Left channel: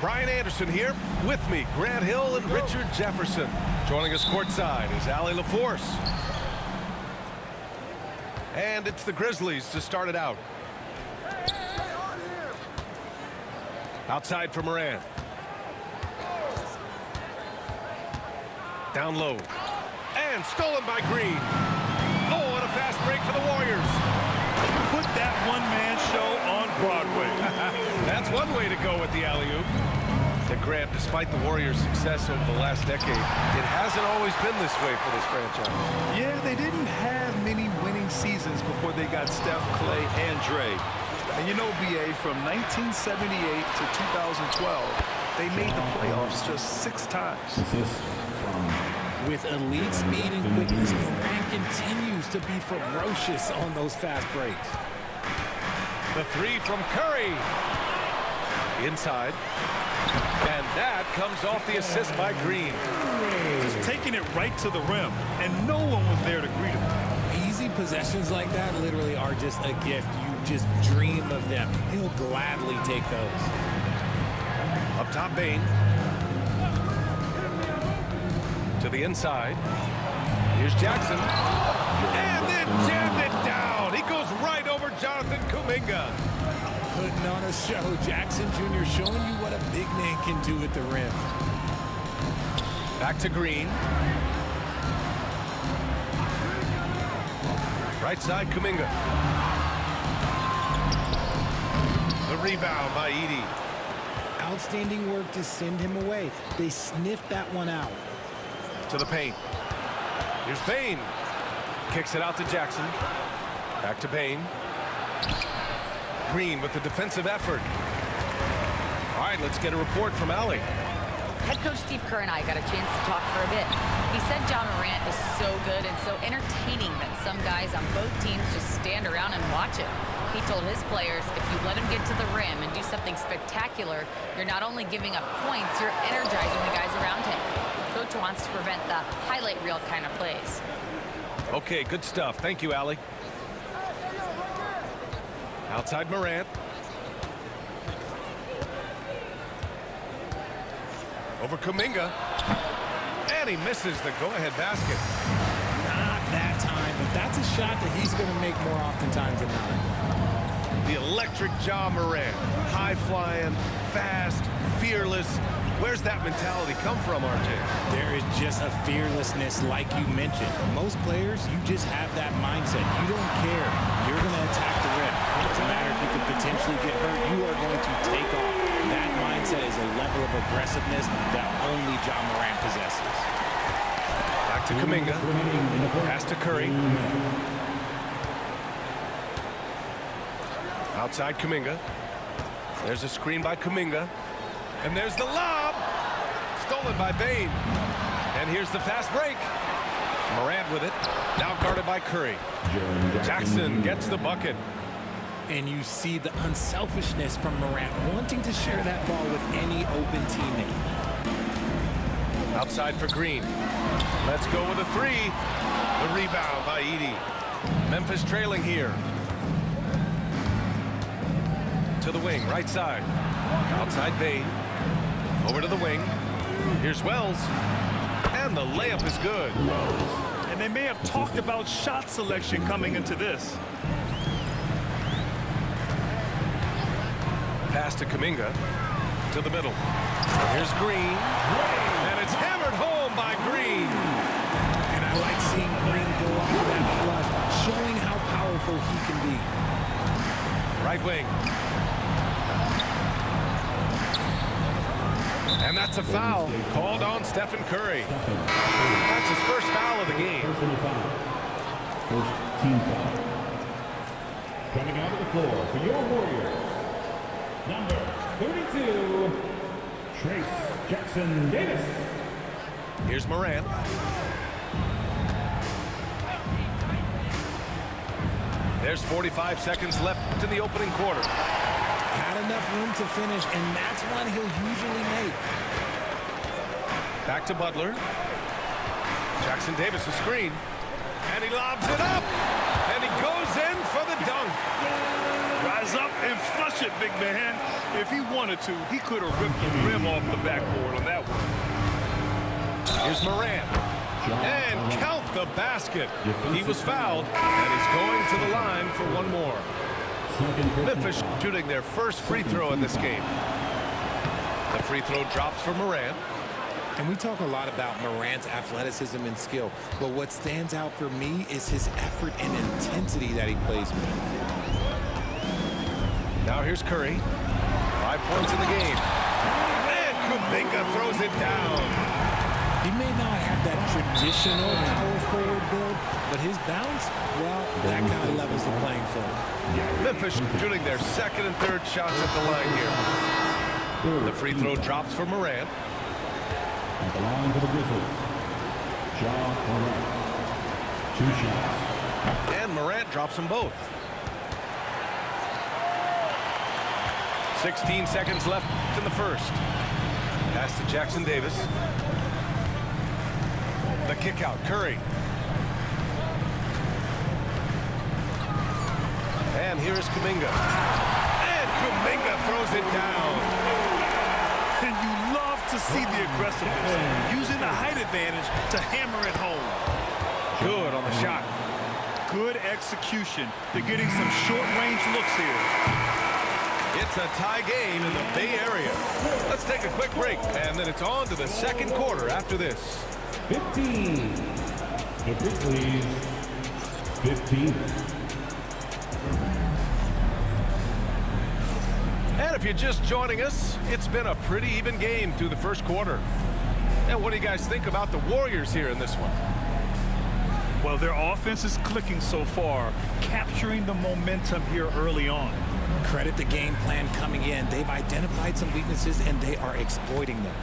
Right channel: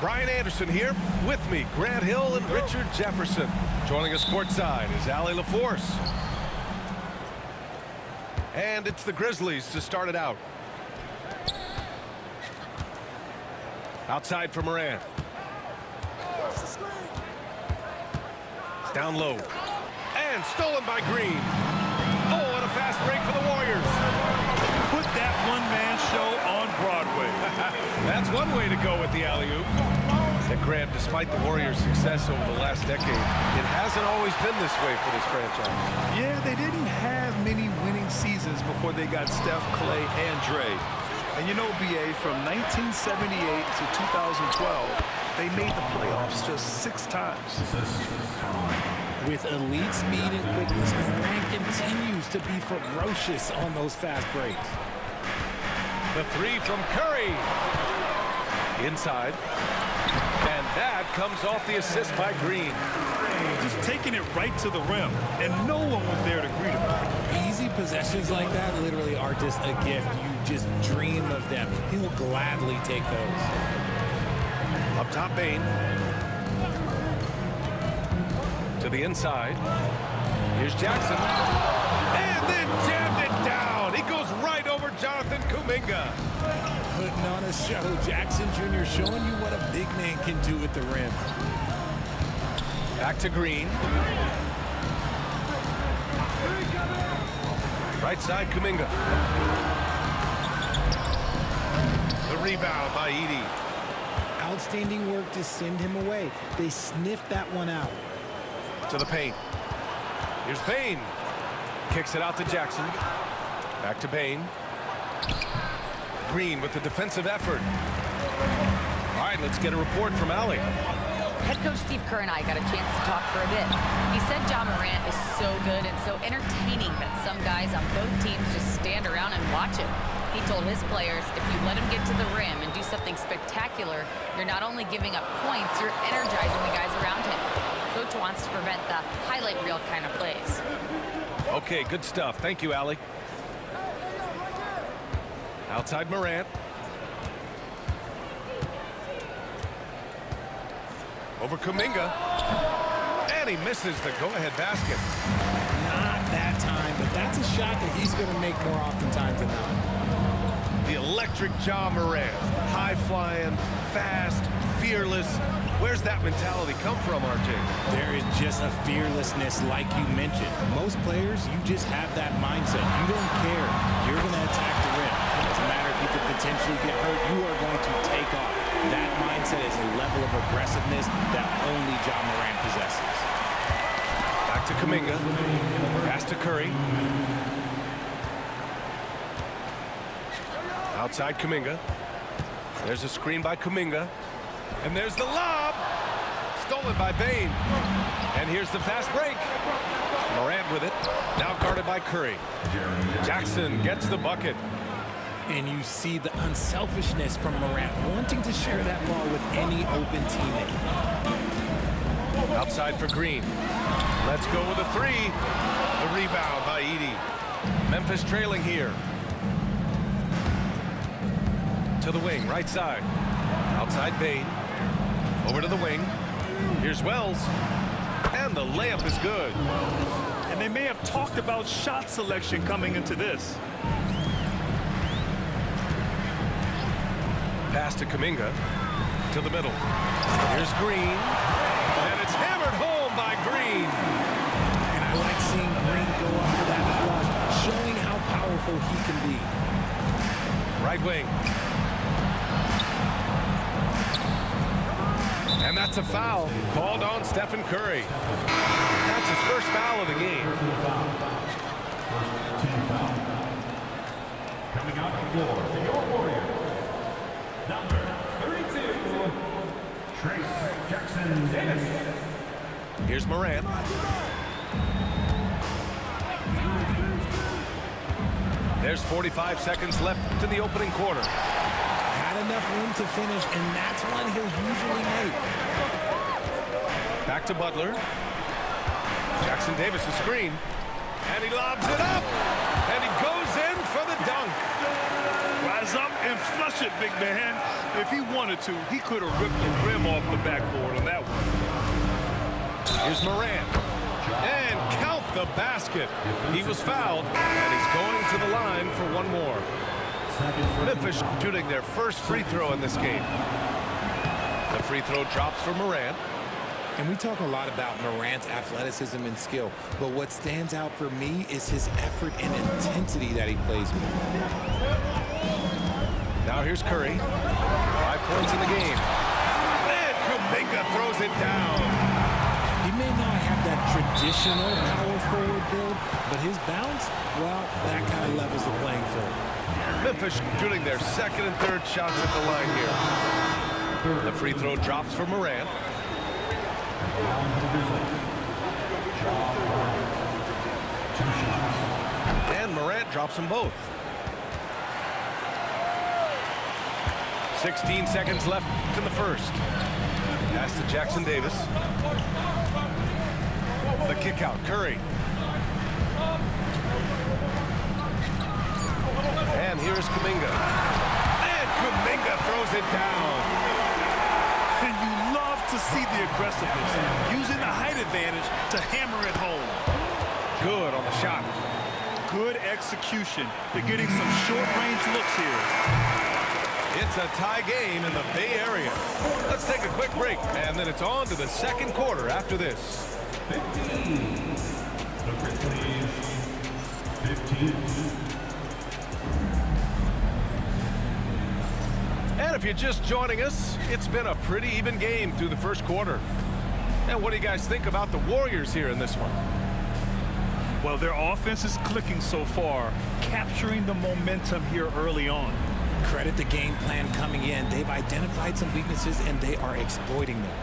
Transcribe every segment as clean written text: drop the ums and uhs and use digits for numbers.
Brian Anderson here. With me, Grant Hill and Richard Jefferson. Joining us courtside is Allie LaForce. And it's the Grizzlies to start it out. Outside for Morant. Down low. And stolen by Green. Oh, and a fast break for the Warriors. Put that one-man show on Broadway. That's one way to go with the alley-oop. And Grant, despite the Warriors' success over the last decade, it hasn't always been this way for this franchise. Yeah, they didn't have many winning seasons before they got Steph, Clay, and Dre. And you know, BA, from 1978 to 2012, they made the playoffs just 6 times. With elite speed and quickness, Morant continues to be ferocious on those fast breaks. The three from Curry. Inside. And that comes off the assist by Green. Just taking it right to the rim, and no one was there to greet him. Easy possessions like that literally are just a gift. You just dream of them. He'll gladly take those. Up top, Bane. To the inside. Here's Jackson. And then jammed it down. He goes right over Jonathan Kuminga. Putting on a show. Jackson Jr. showing you what a big man can do at the rim. Back to Green. Right side, Kuminga. The rebound by Edey. Outstanding work to send him away. They sniffed that one out. To the paint. Here's Bane. Kicks it out to Jackson. Back to Bane. Green with the defensive effort. All right, let's get a report from Allie. Head coach Steve Kerr and I got a chance to talk for a bit. He said Ja Morant is so good and so entertaining that some guys on both teams just stand around and watch him. He told his players, if you let him get to the rim and do something spectacular, you're not only giving up points, you're energizing the guys around him. Coach wants to prevent the highlight reel kind of plays. Okay, good stuff. Thank you, Allie. Outside Morant. Over Kuminga. And he misses the go-ahead basket. Not that time, but that's a shot that he's going to make more oftentimes than not. The electric Ja Morant. High-flying, fast, fearless. Where's that mentality come from, RJ? There is just a fearlessness like you mentioned. Most players, you just have that mindset. You don't care. You're going to attack the rim. It doesn't matter if you could potentially get hurt. You are going to take off. That mindset is a level of aggressiveness that only Ja Morant possesses. Back to Kuminga. Pass to Curry. Outside Kuminga. There's a screen by Kuminga. And there's the lob. Stolen by Bane. And here's the fast break. Morant with it. Now guarded by Curry. Jackson gets the bucket. And you see the unselfishness from Morant wanting to share that ball with any open teammate. Outside for Green. Let's go with a three. The rebound by Edey. Memphis trailing here. To the wing, right side. Outside Bane. Over to the wing. Here's Wells. And the layup is good. And they may have talked about shot selection coming into this. Pass to Kuminga. To the middle. Here's Green. And it's hammered home by Green. And I like seeing Green go up for that flush, showing how powerful he can be. Right wing. And that's a foul called on Stephen Curry. That's his first foul of the game. First team foul. Coming onto the floor for your Warriors, number 32, Trace Jackson Davis. Here's Morant. There's 45 seconds left in the opening quarter. Had enough room to finish, and that's one he'll usually make. Back to Butler. Jackson Davis, a screen. And he lobs it up. And he goes in for the dunk. Rise up and flush it, big man. If he wanted to, he could have ripped the rim off the backboard on that one. Here's Morant. And count the basket. He was fouled, and he's going to the line for one more. Memphis shooting their first free throw in this game. The free throw drops for Morant. And we talk a lot about Morant's athleticism and skill, but what stands out for me is his effort and intensity that he plays with. Now here's Curry. 5 points in the game. And Kuminga throws it down. He may not have that traditional power forward build, but his bounce, well, that kind of levels the playing field. Memphis shooting their second and third shots at the line here. The free throw drops for Morant. At the line for the Grizzlies, Ja Morant. 2 shots. And Morant drops them both. 16 seconds left in the first. Pass to Jackson Davis. The kick out, Curry. And here's Kuminga. And Kuminga throws it down. And you love to see the aggressiveness, using the height advantage to hammer it home. Good on the shot. Good execution. They're getting some short-range looks here. It's a tie game in the Bay Area. Let's take a quick break, and then it's on to the second quarter after this. 15. The Grizzlies, 15. And if you're just joining us, it's been a pretty even game through the first quarter. And what do you guys think about the Warriors here in this one? Well, their offense is clicking so far, capturing the momentum here early on. Credit the game plan coming in. They've identified some weaknesses, and they are exploiting them.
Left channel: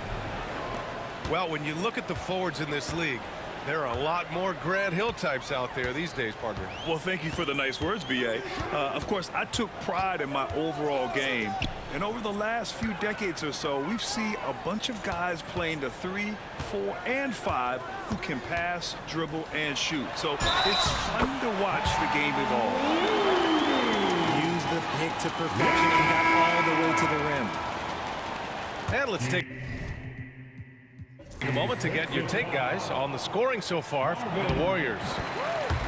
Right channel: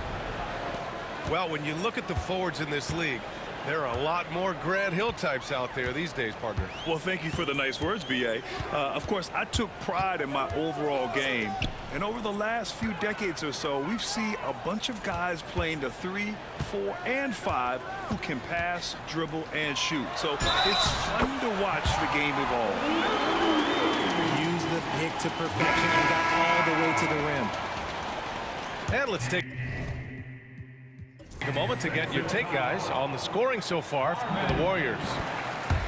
Well, when you look at the forwards in this league, there are a lot more Grant Hill types out there these days, partner. Well, thank you for the nice words, B.A. Of course, I took pride in my overall game. And over the last few decades or so, we've seen a bunch of guys playing the 3, 4, and 5 who can pass, dribble, and shoot. So it's fun to watch the game evolve. Used the pick to perfection and got all the way to the rim. And let's take a moment to get your take, guys, on the scoring so far for the Warriors.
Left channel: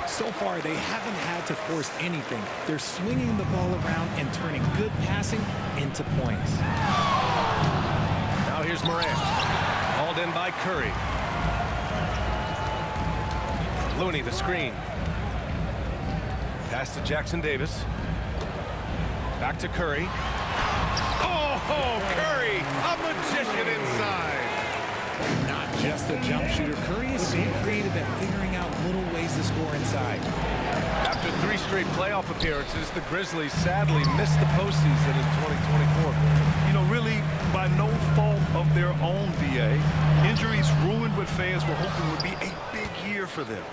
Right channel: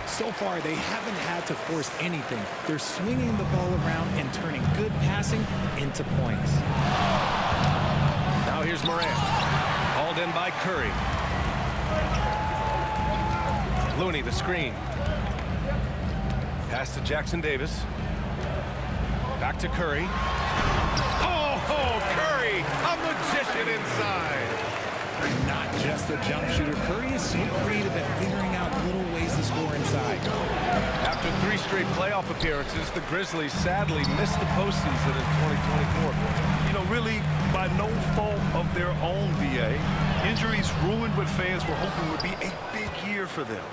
So far, they haven't had to force anything. They're swinging the ball around and turning good passing into points. Now here's Morant. Hauled in by Curry. Looney, the screen. Pass to Jackson Davis. Back to Curry. Oh, Curry, a magician inside. Not just a jump shooter. Curry is so creative at figuring out little ways to score inside. After 3 straight playoff appearances, the Grizzlies sadly missed the postseason in 2024. You know, really by no fault of their own, B.A. Injuries ruined what fans were hoping would be a big year for them.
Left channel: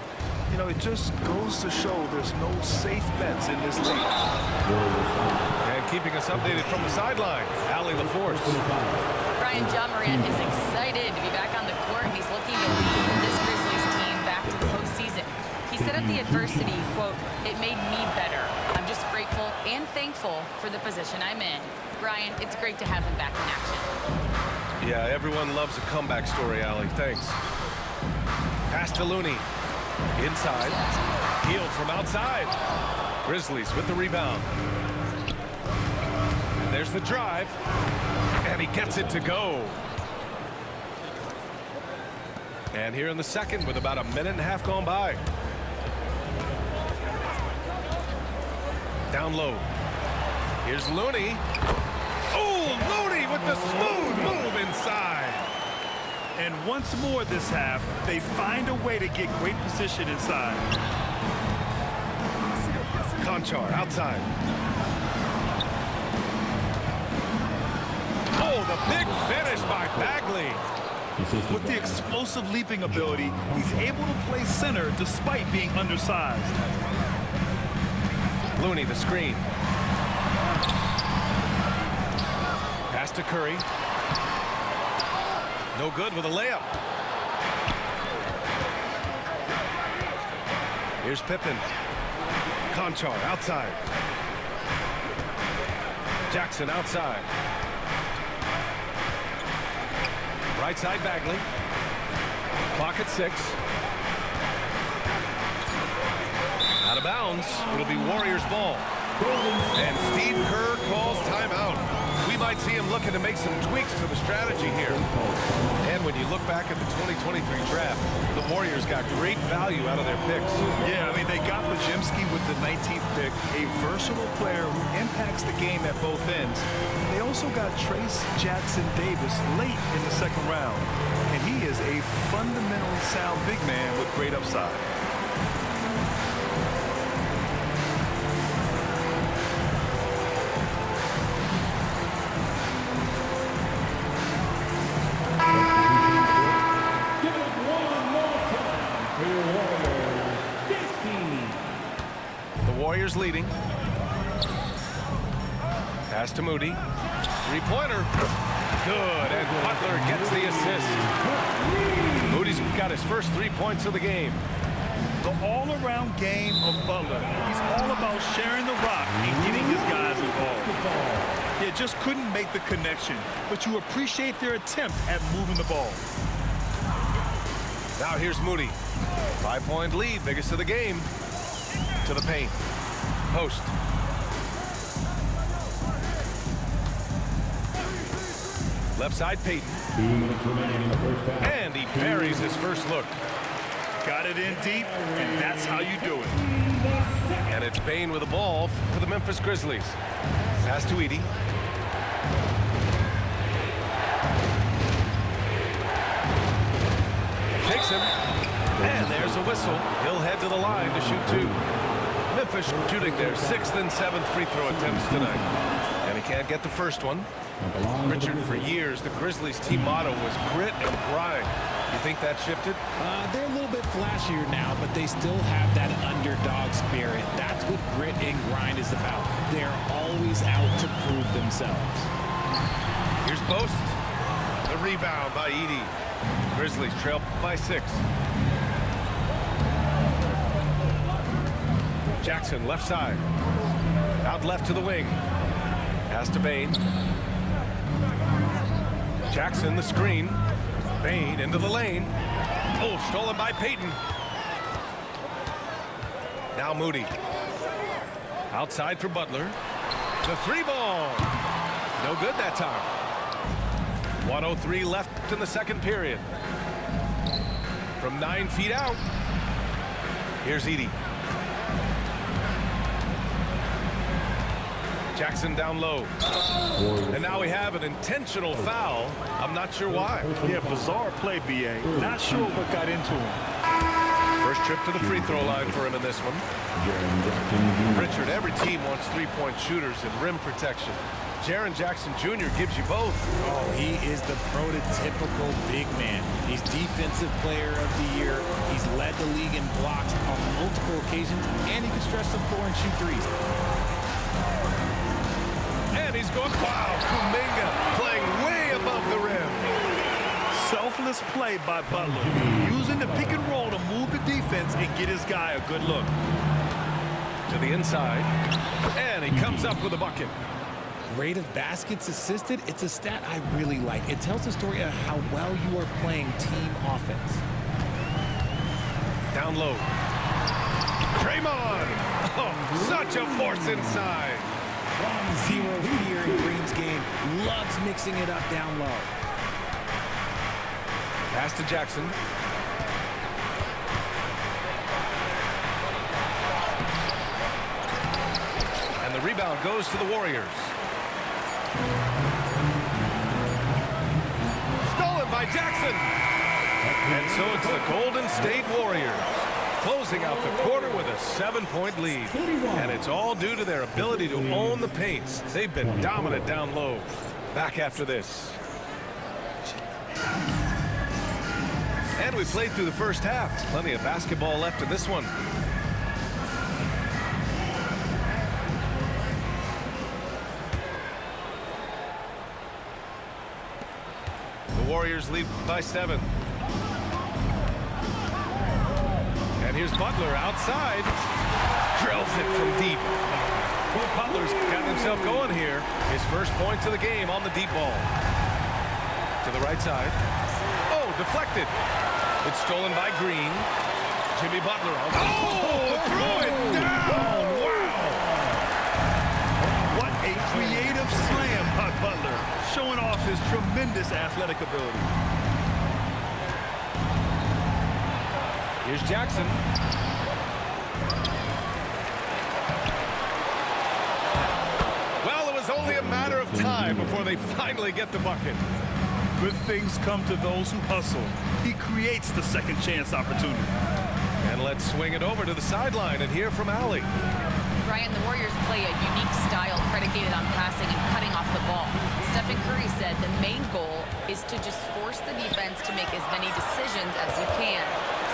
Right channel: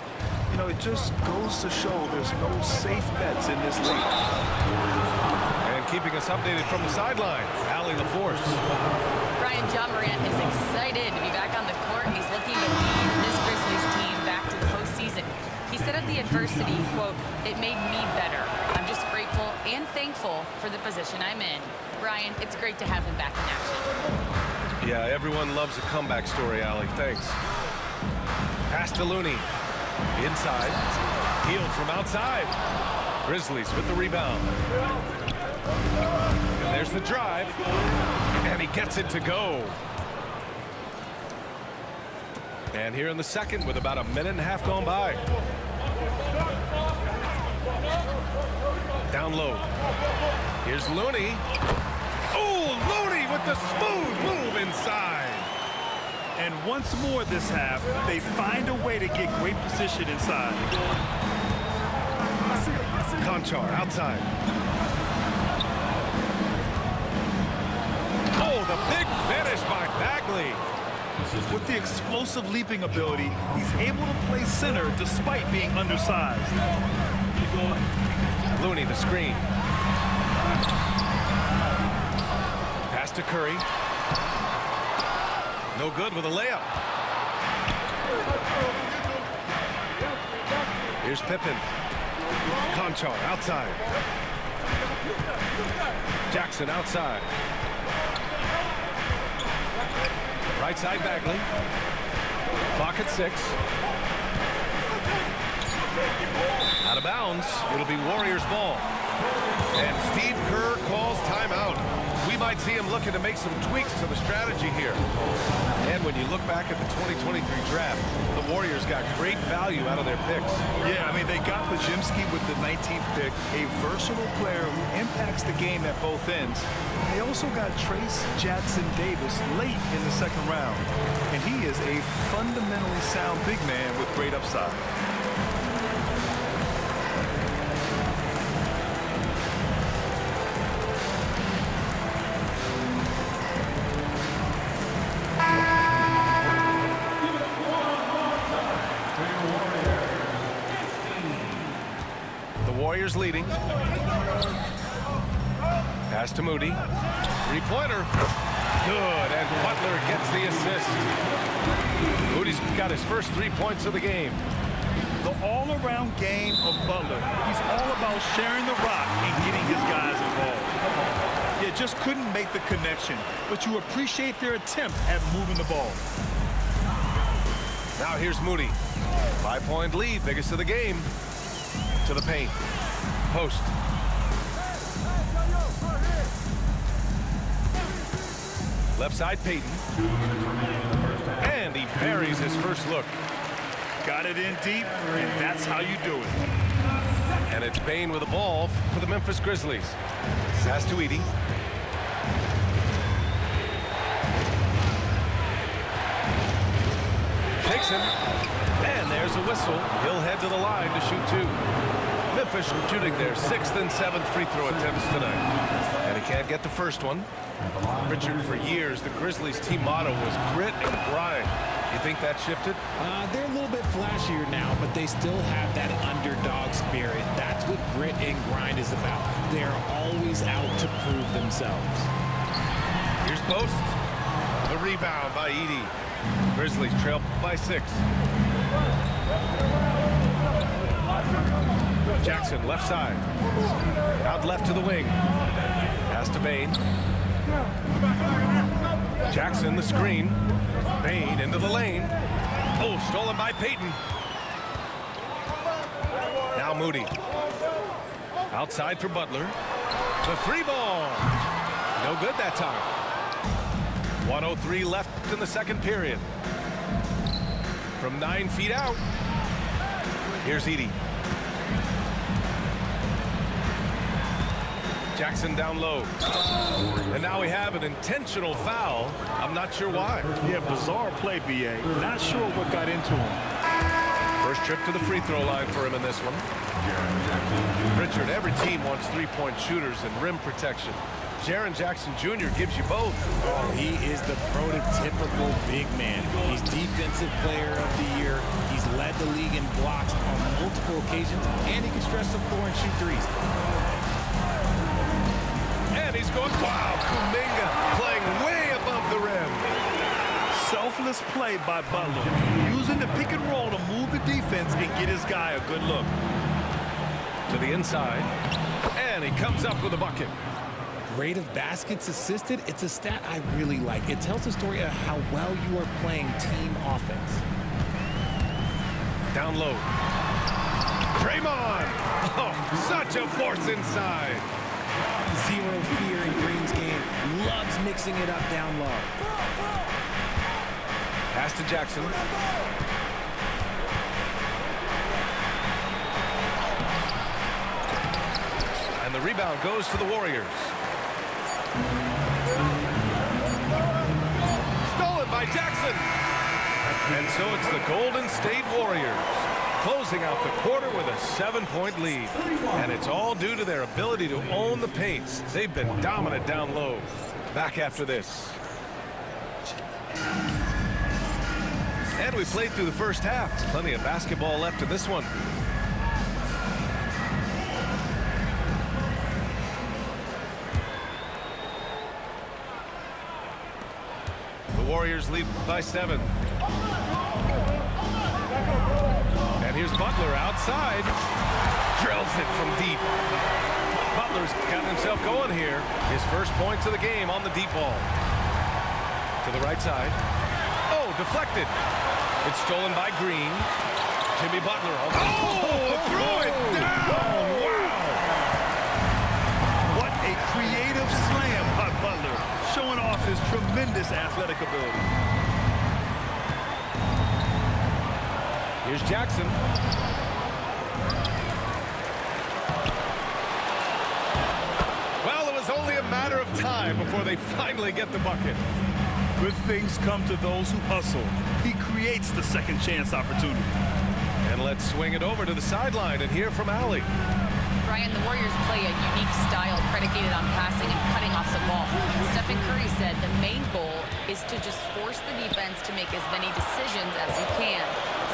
You know, it just goes to show there's no safe bets in this league. And keeping us updated from the sideline, Allie LaForce. Brian, Ja Morant is excited to be back on the court. He's looking to lead this Grizzlies team back to the postseason. He said of the adversity, quote, "It made me better. I'm just grateful and thankful for the position I'm in." Brian, it's great to have him back in action. Yeah, everyone loves a comeback story, Allie. Thanks. Pass to Looney. Inside. Healed from outside. Grizzlies with the rebound. And there's the drive. And he gets it to go. And here in the second with about a minute and a half gone by. Down low. Here's Looney. Oh, Looney with the smooth move inside. And once more this half, they find a way to get great position inside. Conchar outside. Oh, the big finish by Bagley. With the explosive leaping ability, he's able to play center despite being undersized. Looney, the screen. Pass to Curry. No good with a layup. Here's Pippen. Conchar outside. Jackson outside. Right side Bagley. Clock at 6. Out of bounds. It'll be Warriors ball. And Steve Kerr calls timeout. We might see him looking to make some tweaks to the strategy here. And when you look back at the 2023 draft, the Warriors got great value out of their picks. Yeah, I mean, they got Pajimski with the 19th pick, a versatile player who impacts the game at both ends. They also got Trace Jackson Davis late in the second round. And he is a fundamentally sound big man with great upside. Warriors leading. Pass to Moody. Three-pointer. Good, and Butler gets the assist. Moody's got his first 3 points of the game. The all-around game of Butler. He's all about sharing the rock and getting his guys involved. Yeah, just couldn't make the connection, but you appreciate their attempt at moving the ball. Now here's Moody. 5-point lead, biggest of the game. To the paint. Post. Left side Payton. 2 minutes remaining in the first half. And he buries his first look. Got it in deep, and that's how you do it. And it's Bane with the ball for the Memphis Grizzlies. Pass to Edey. Takes him. And there's a whistle. He'll head to the line to shoot 2. Memphis shooting their 6th and 7th free throw attempts tonight. And he can't get the first one. Richard, for years, the Grizzlies team motto was grit and grind. You think that shifted? They're a little bit flashier now, but they still have that underdog spirit. That's what grit and grind is about. They're always out to prove themselves. Here's Post. The rebound by Edey. Grizzlies trail by 6. Jackson left side. Out left to the wing. Pass to Bane. Jackson the screen. Bane into the lane. Oh, stolen by Payton. Now Moody. Outside for Butler. The 3-ball. No good that time. 1:03 left in the second period. From 9 feet out. Here's Edey. Jackson down low. And now we have an intentional foul. I'm not sure why. Yeah, bizarre play, B.A. Not sure what got into him. First trip to the free throw line for him in this one. Richard, every team wants 3-point shooters and rim protection. Jaren Jackson Jr. gives you both. Oh, he is the prototypical big man. He's Defensive Player of the Year. He's led the league in blocks on multiple occasions, and he can stretch the floor and shoot threes. And he's going, wow, Kuminga playing way above the rim. Selfless play by Butler, using the pick and roll to move the defense and get his guy a good look. To the inside, and he comes up with a bucket. Rate of baskets assisted, it's a stat I really like. It tells the story of how well you are playing team offense. Down low. Draymond! Oh, such a force inside. Zero fear in Green's game. Loves mixing it up down low. Pass to Jackson. And the rebound goes to the Warriors. Stolen by Jackson. And so it's the Golden State Warriors closing out the quarter with a 7-point lead. And it's all due to their ability to own the paint. They've been dominant down low. Back after this. And we played through the first half. Plenty of basketball left in this one. The Warriors lead by 7. And here's Butler outside. Drills it from deep. Butler's got himself going here. His first points of the game on the deep ball. To the right side. Oh, deflected. It's stolen by Green. Jimmy Butler. Threw it down. Wow. What a creative slam by Butler, showing off his tremendous athletic ability. Here's Jackson. Well, it was only a matter of time before they finally get the bucket. Good things come to those who hustle. He creates the second chance opportunity. And let's swing it over to the sideline and hear from Allie. Brian, the Warriors play a unique style predicated on passing and cutting off the ball. Stephen Curry said the main goal is to just force the defense to make as many decisions as you can.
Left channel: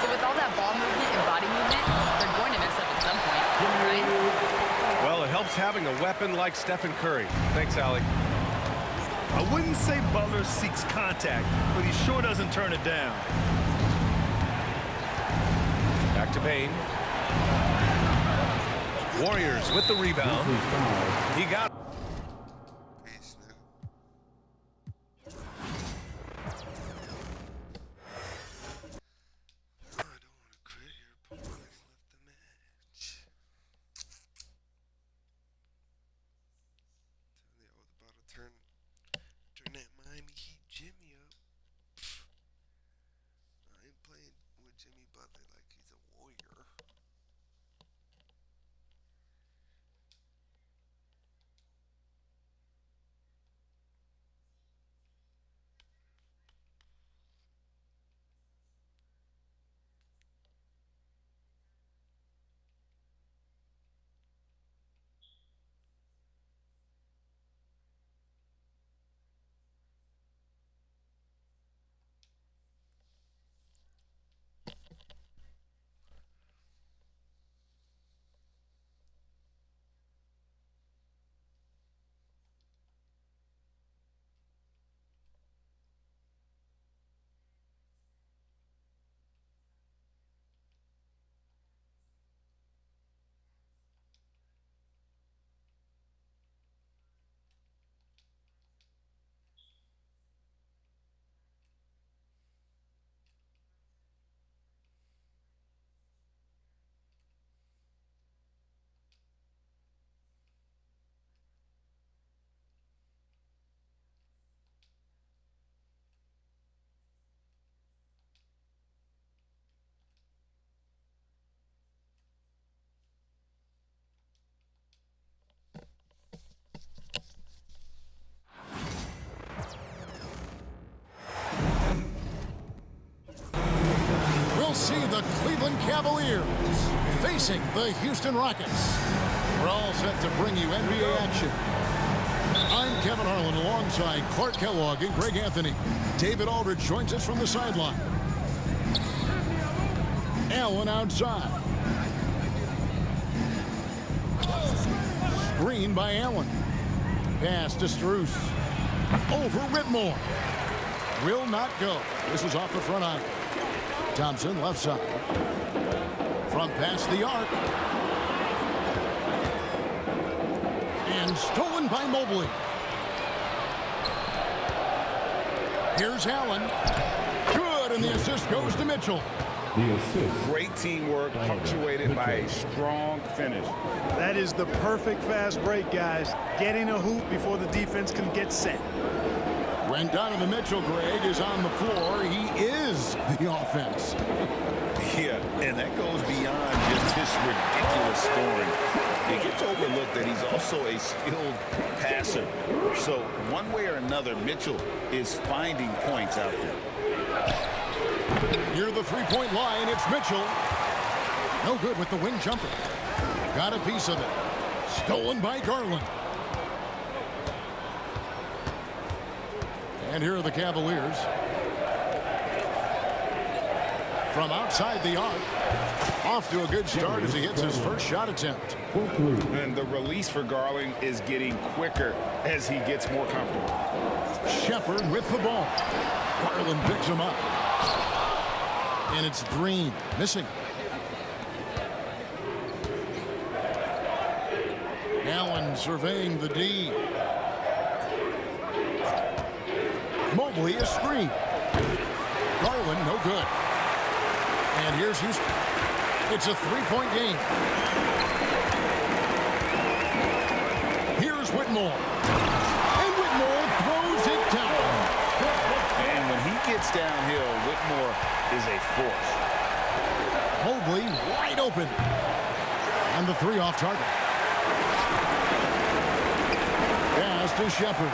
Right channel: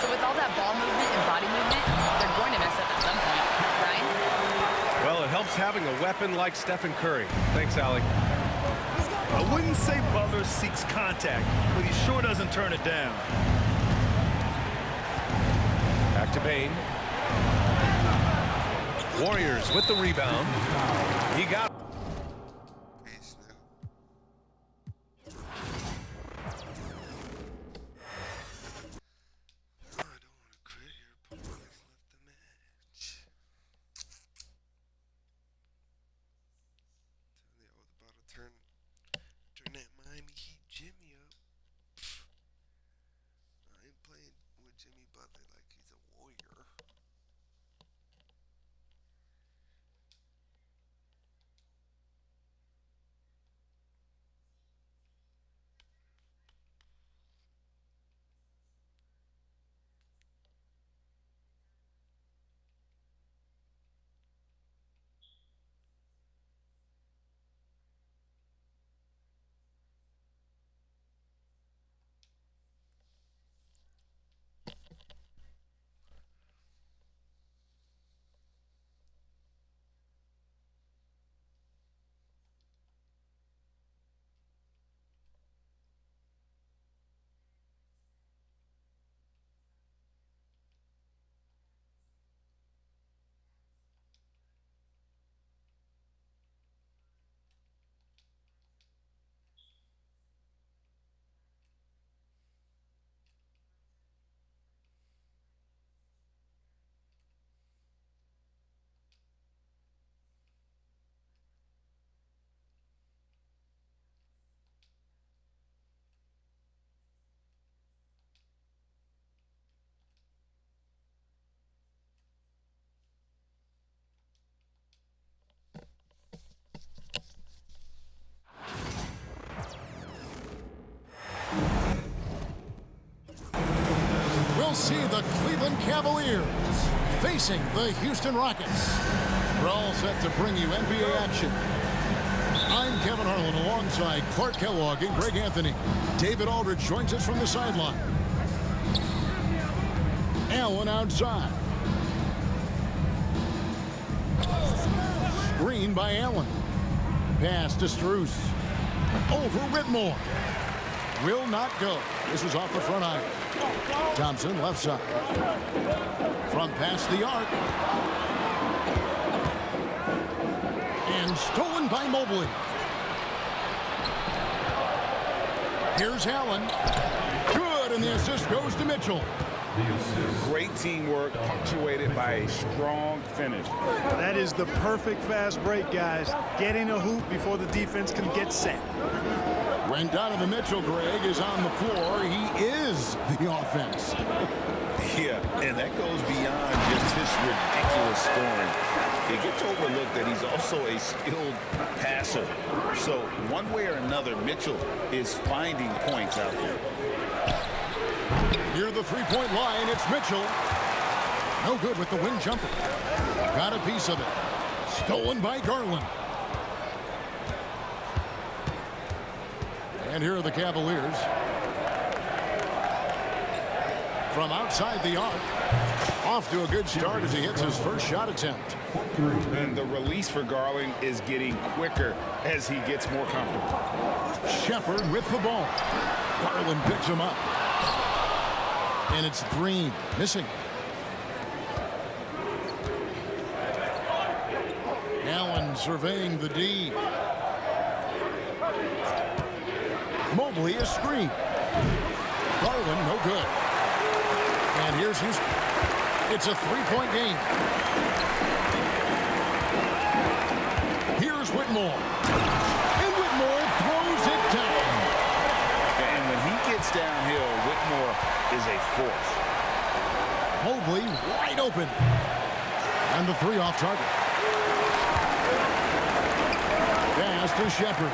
So with all that ball movement and body movement, they're going to mess up at some point. Brian? Well, it helps having a weapon like Stephen Curry. Thanks, Allie. I wouldn't say Butler seeks contact, but he sure doesn't turn it down. Back to Bain. Warriors with the rebound. He got. Peace, nigga. I don't want to quit here, but I've left the match. Tell you, I was about to turn that Miami Heat Jimmy up. I ain't playing with Jimmy Butler like he's a warrior. We'll see the Cleveland Cavaliers facing the Houston Rockets. We're all set to bring you NBA action. I'm Kevin Harlan alongside Clark Kellogg and Greg Anthony. David Aldridge joins us from the sideline. Allen outside. Screen by Allen. Pass to Strus. Over Whitmore. Will not go. This is off the front iron. Thompson left side. From past the arc. And stolen by Mobley. Here's Allen. Good, and the assist goes to Mitchell. The assist. Great teamwork punctuated by a strong finish. That is the perfect fast break, guys. Getting a hoop before the defense can get set. When Donovan Mitchell, Greg, is on the floor, he is the offense. Yeah, and that goes beyond just his ridiculous scoring. It gets overlooked that he's also a skilled passer. So one way or another, Mitchell is finding points out there. Near the three-point line, it's Mitchell. No good with the wing jumper. Got a piece of it. Stolen by Garland. And here are the Cavaliers. From outside the arc. Off to a good start as he hits his first shot attempt. And the release for Garland is getting quicker as he gets more comfortable. Shepard with the ball. Garland picks him up. And it's Green missing. Allen surveying the D. Mobley a screen. Garland no good. And here's Houston. It's a three-point game. Here's Whitmore. And Whitmore throws it down. And when he gets downhill, Whitmore is a force. Mobley wide open. And the three off target. Pass to Shepard.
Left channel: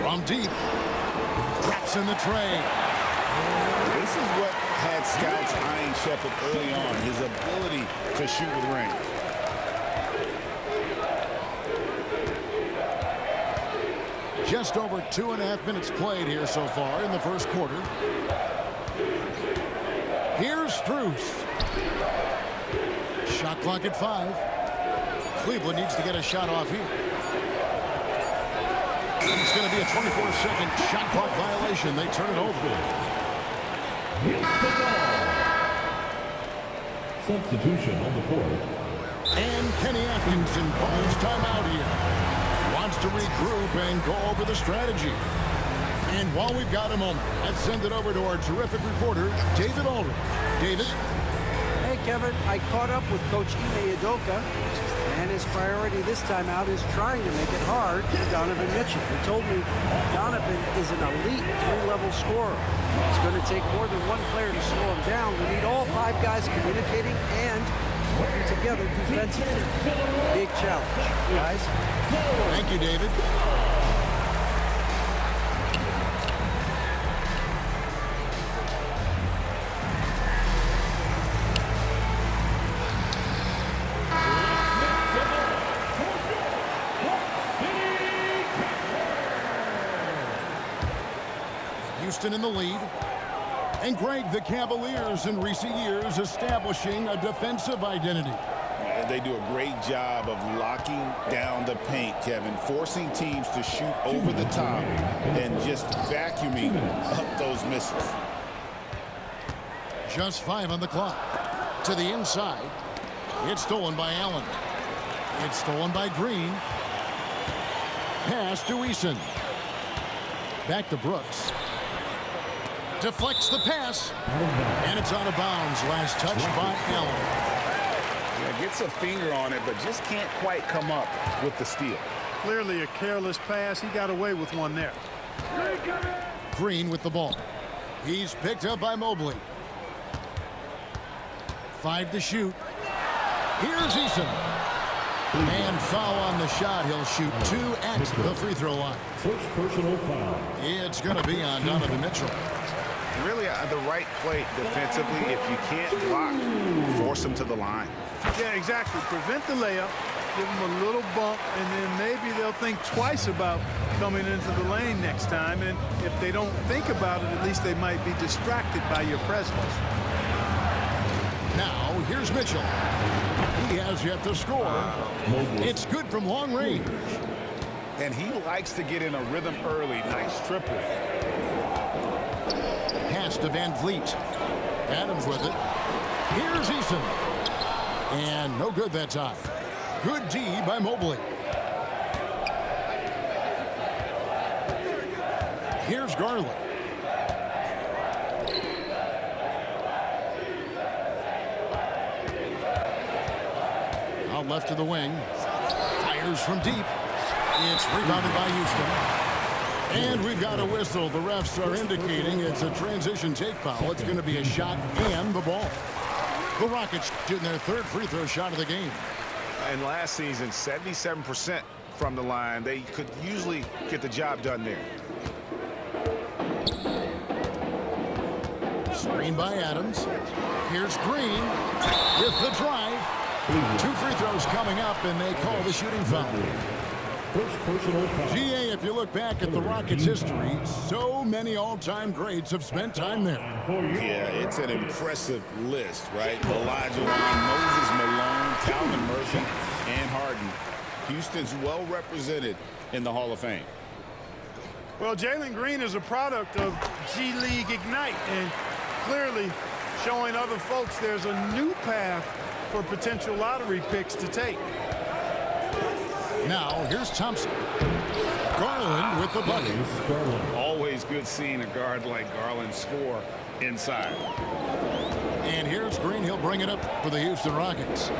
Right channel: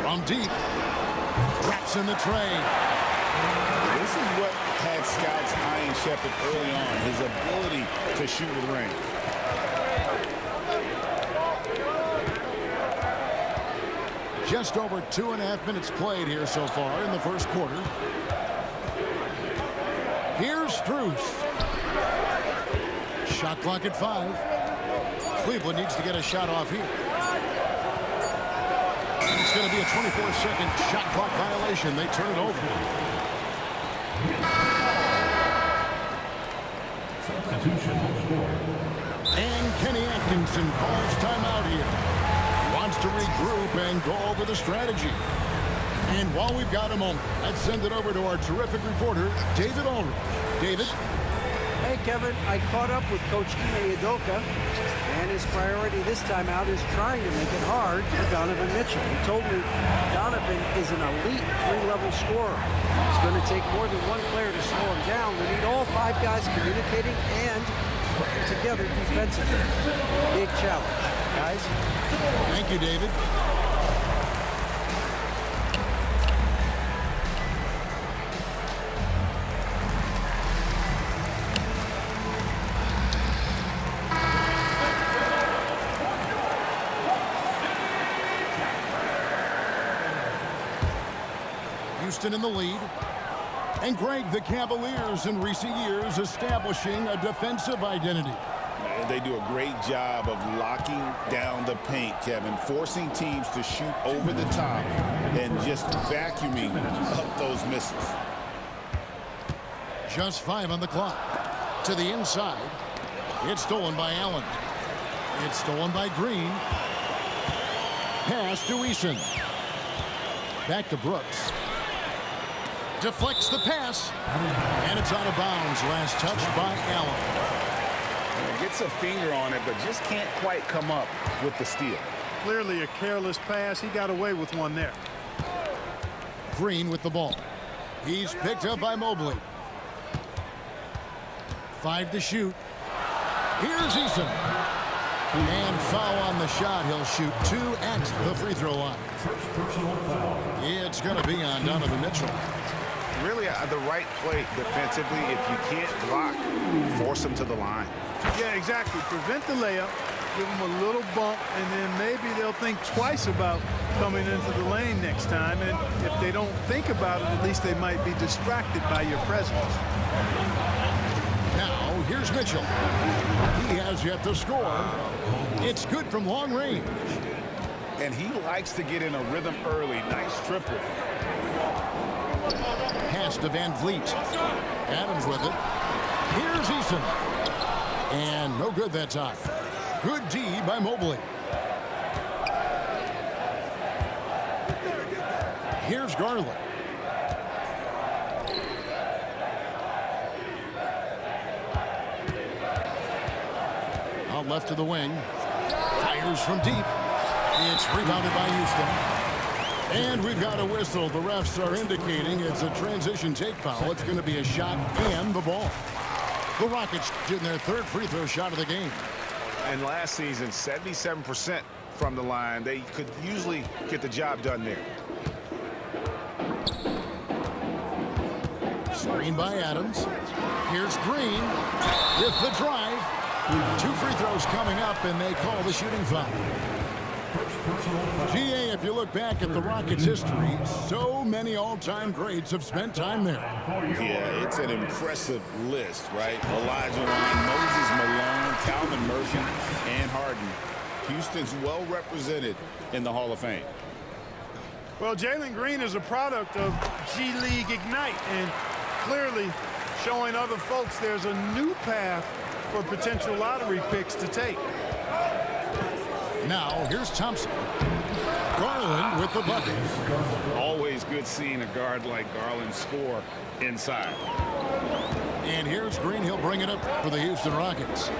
From deep. Drops in the tray. This is what had scouts eyeing Shepard early on, his ability to shoot with range. Just over 2.5 minutes played here so far in the first quarter. Here's Strus. Shot clock at 5. Cleveland needs to get a shot off here. And it's going to be a 24-second shot clock violation. They turn it over. Substitution on the board. And Kenny Atkinson calls timeout here. Wants to regroup and go over the strategy. And while we've got a moment, let's send it over to our terrific reporter, David Aldridge. David? Hey, Kevin. I caught up with Coach Ime Udoka, and his priority this time out is trying to make it hard for Donovan Mitchell. He told me Donovan is an elite three-level scorer. It's going to take more than one player to slow him down. We need all 5 guys communicating and working together defensively. Big challenge. Guys? Thank you, David. Houston in the lead. And Greg, the Cavaliers in recent years establishing a defensive identity. They do a great job of locking down the paint, Kevin, forcing teams to shoot over the top and just vacuuming up those misses. Just 5 on the clock. To the inside. It's stolen by Allen. It's stolen by Green. Pass to Eason. Back to Brooks. Deflects the pass. And it's out of bounds. Last touch by Allen. Yeah, gets a finger on it, but just can't quite come up with the steal. Clearly a careless pass. He got away with one there. Green with the ball. He's picked up by Mobley. 5 to shoot. Here's Eason. And foul on the shot. He'll shoot 2 at the free throw line. First personal foul. It's going to be on Donovan Mitchell. Really the right play defensively. If you can't block, force them to the line. Yeah, exactly. Prevent the layup, give them a little bump, and then maybe they'll think twice about coming into the lane next time. And if they don't think about it, at least they might be distracted by your presence. Now, here's Mitchell. He has yet to score. It's good from long range. And he likes to get in a rhythm early. Nice triple. Pass to Van Vliet. Adams with it. Here's Eason. And no good that time. Good D by Mobley. Here's Garland. Out left to the wing. Fires from deep. It's rebounded by Houston. And we've got a whistle. The refs are indicating it's a transition take foul. It's going to be a shot and the ball. The Rockets shooting their 3rd free throw shot of the game. And last season, 77% from the line. They could usually get the job done there. Screen by Adams. Here's Green with the drive. 2 free throws coming up, and they call the shooting foul. First personal foul. GA, if you look back at the Rockets' history, so many all-time greats have spent time there. Yeah, it's an impressive list, right? Elijah Wan, Moses Malone, Calvin Murphy, and Harden. Houston's well represented in the Hall of Fame. Well, Jalen Green is a product of G League Ignite, and clearly showing other folks there's a new path for potential lottery picks to take. Now, here's Thompson. Garland with the bucket. Always good seeing a guard like Garland score inside. And here's Green. He'll bring it up for the Houston Rockets.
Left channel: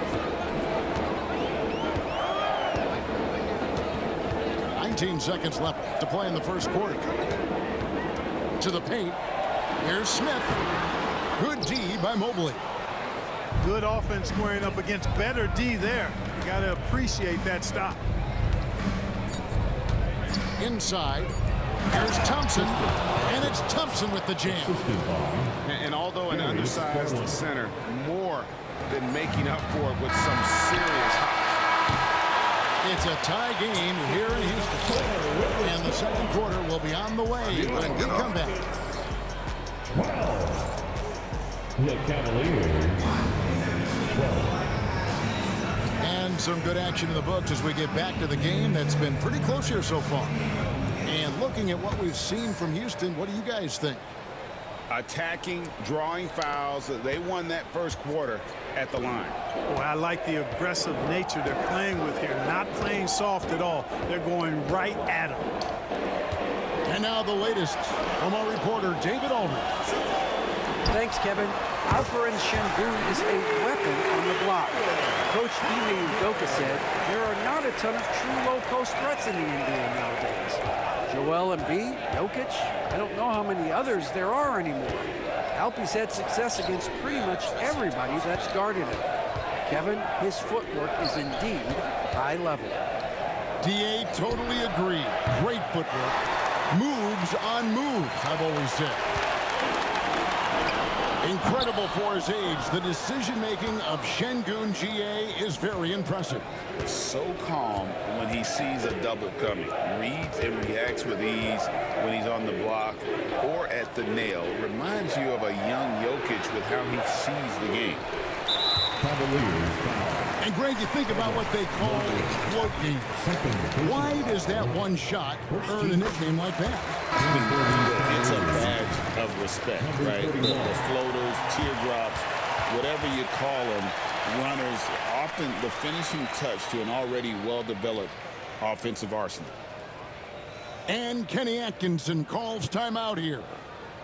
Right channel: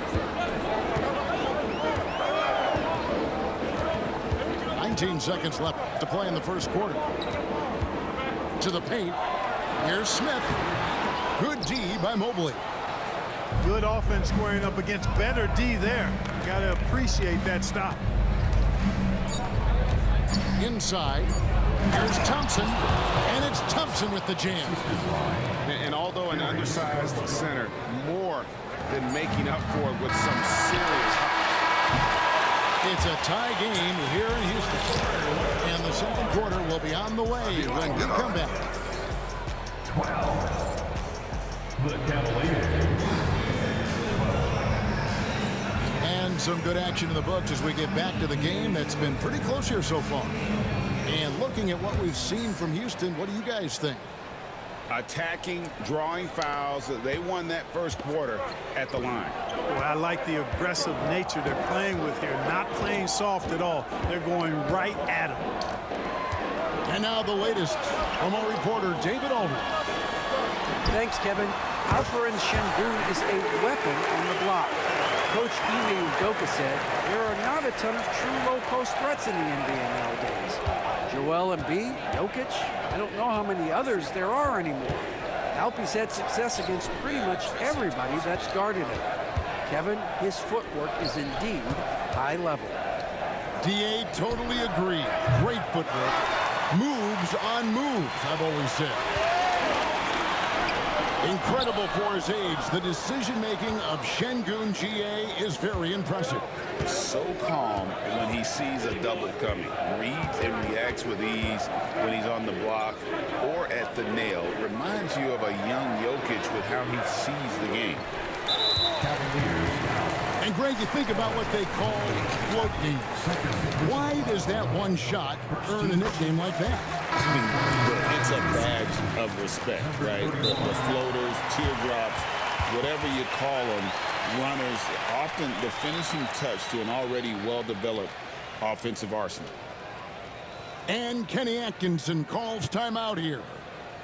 19 seconds left to play in the first quarter. To the paint. Here's Smith. Good D by Mobley. Good offense squaring up against better D there. You got to appreciate that stop. Inside. Here's Thompson. And it's Thompson with the jam. And although an undersized center, more than making up for it with some serious hops. It's a tie game here in Houston. And the second quarter will be on the way when we come back. 12. The Cavaliers. 12. And some good action in the books as we get back to the game that's been pretty close here so far. And looking at what we've seen from Houston, what do you guys think? Attacking, drawing fouls. They won that first quarter at the line. Boy, I like the aggressive nature they're playing with here. Not playing soft at all. They're going right at them. And now the latest from our reporter, David Aldridge. Thanks, Kevin. Alperen Şengün is a weapon on the block. Coach Ime Udoka said there are not a ton of true low-post threats in the NBA nowadays. Joel Embiid, Jokic, I don't know how many others there are anymore. Alpe's had success against pretty much everybody that's guarded him. Kevin, his footwork is indeed high level. DA, totally agree. Great footwork. Moves on moves, I've always said. Incredible for his age. The decision-making of Şengün GA is very impressive. So calm when he sees a double coming. Reads and reacts with ease when he's on the block or at the nail. Reminds you of a young Jokic with how he sees the game. Cavaliers foul. And Greg, you think about what they call float games. Why does that one shot earn a nickname like that? I mean, it's a badge of respect, right? The floaters, teardrops, whatever you call them, runners, often the finishing touch to an already well-developed offensive arsenal. And Kenny Atkinson calls timeout here.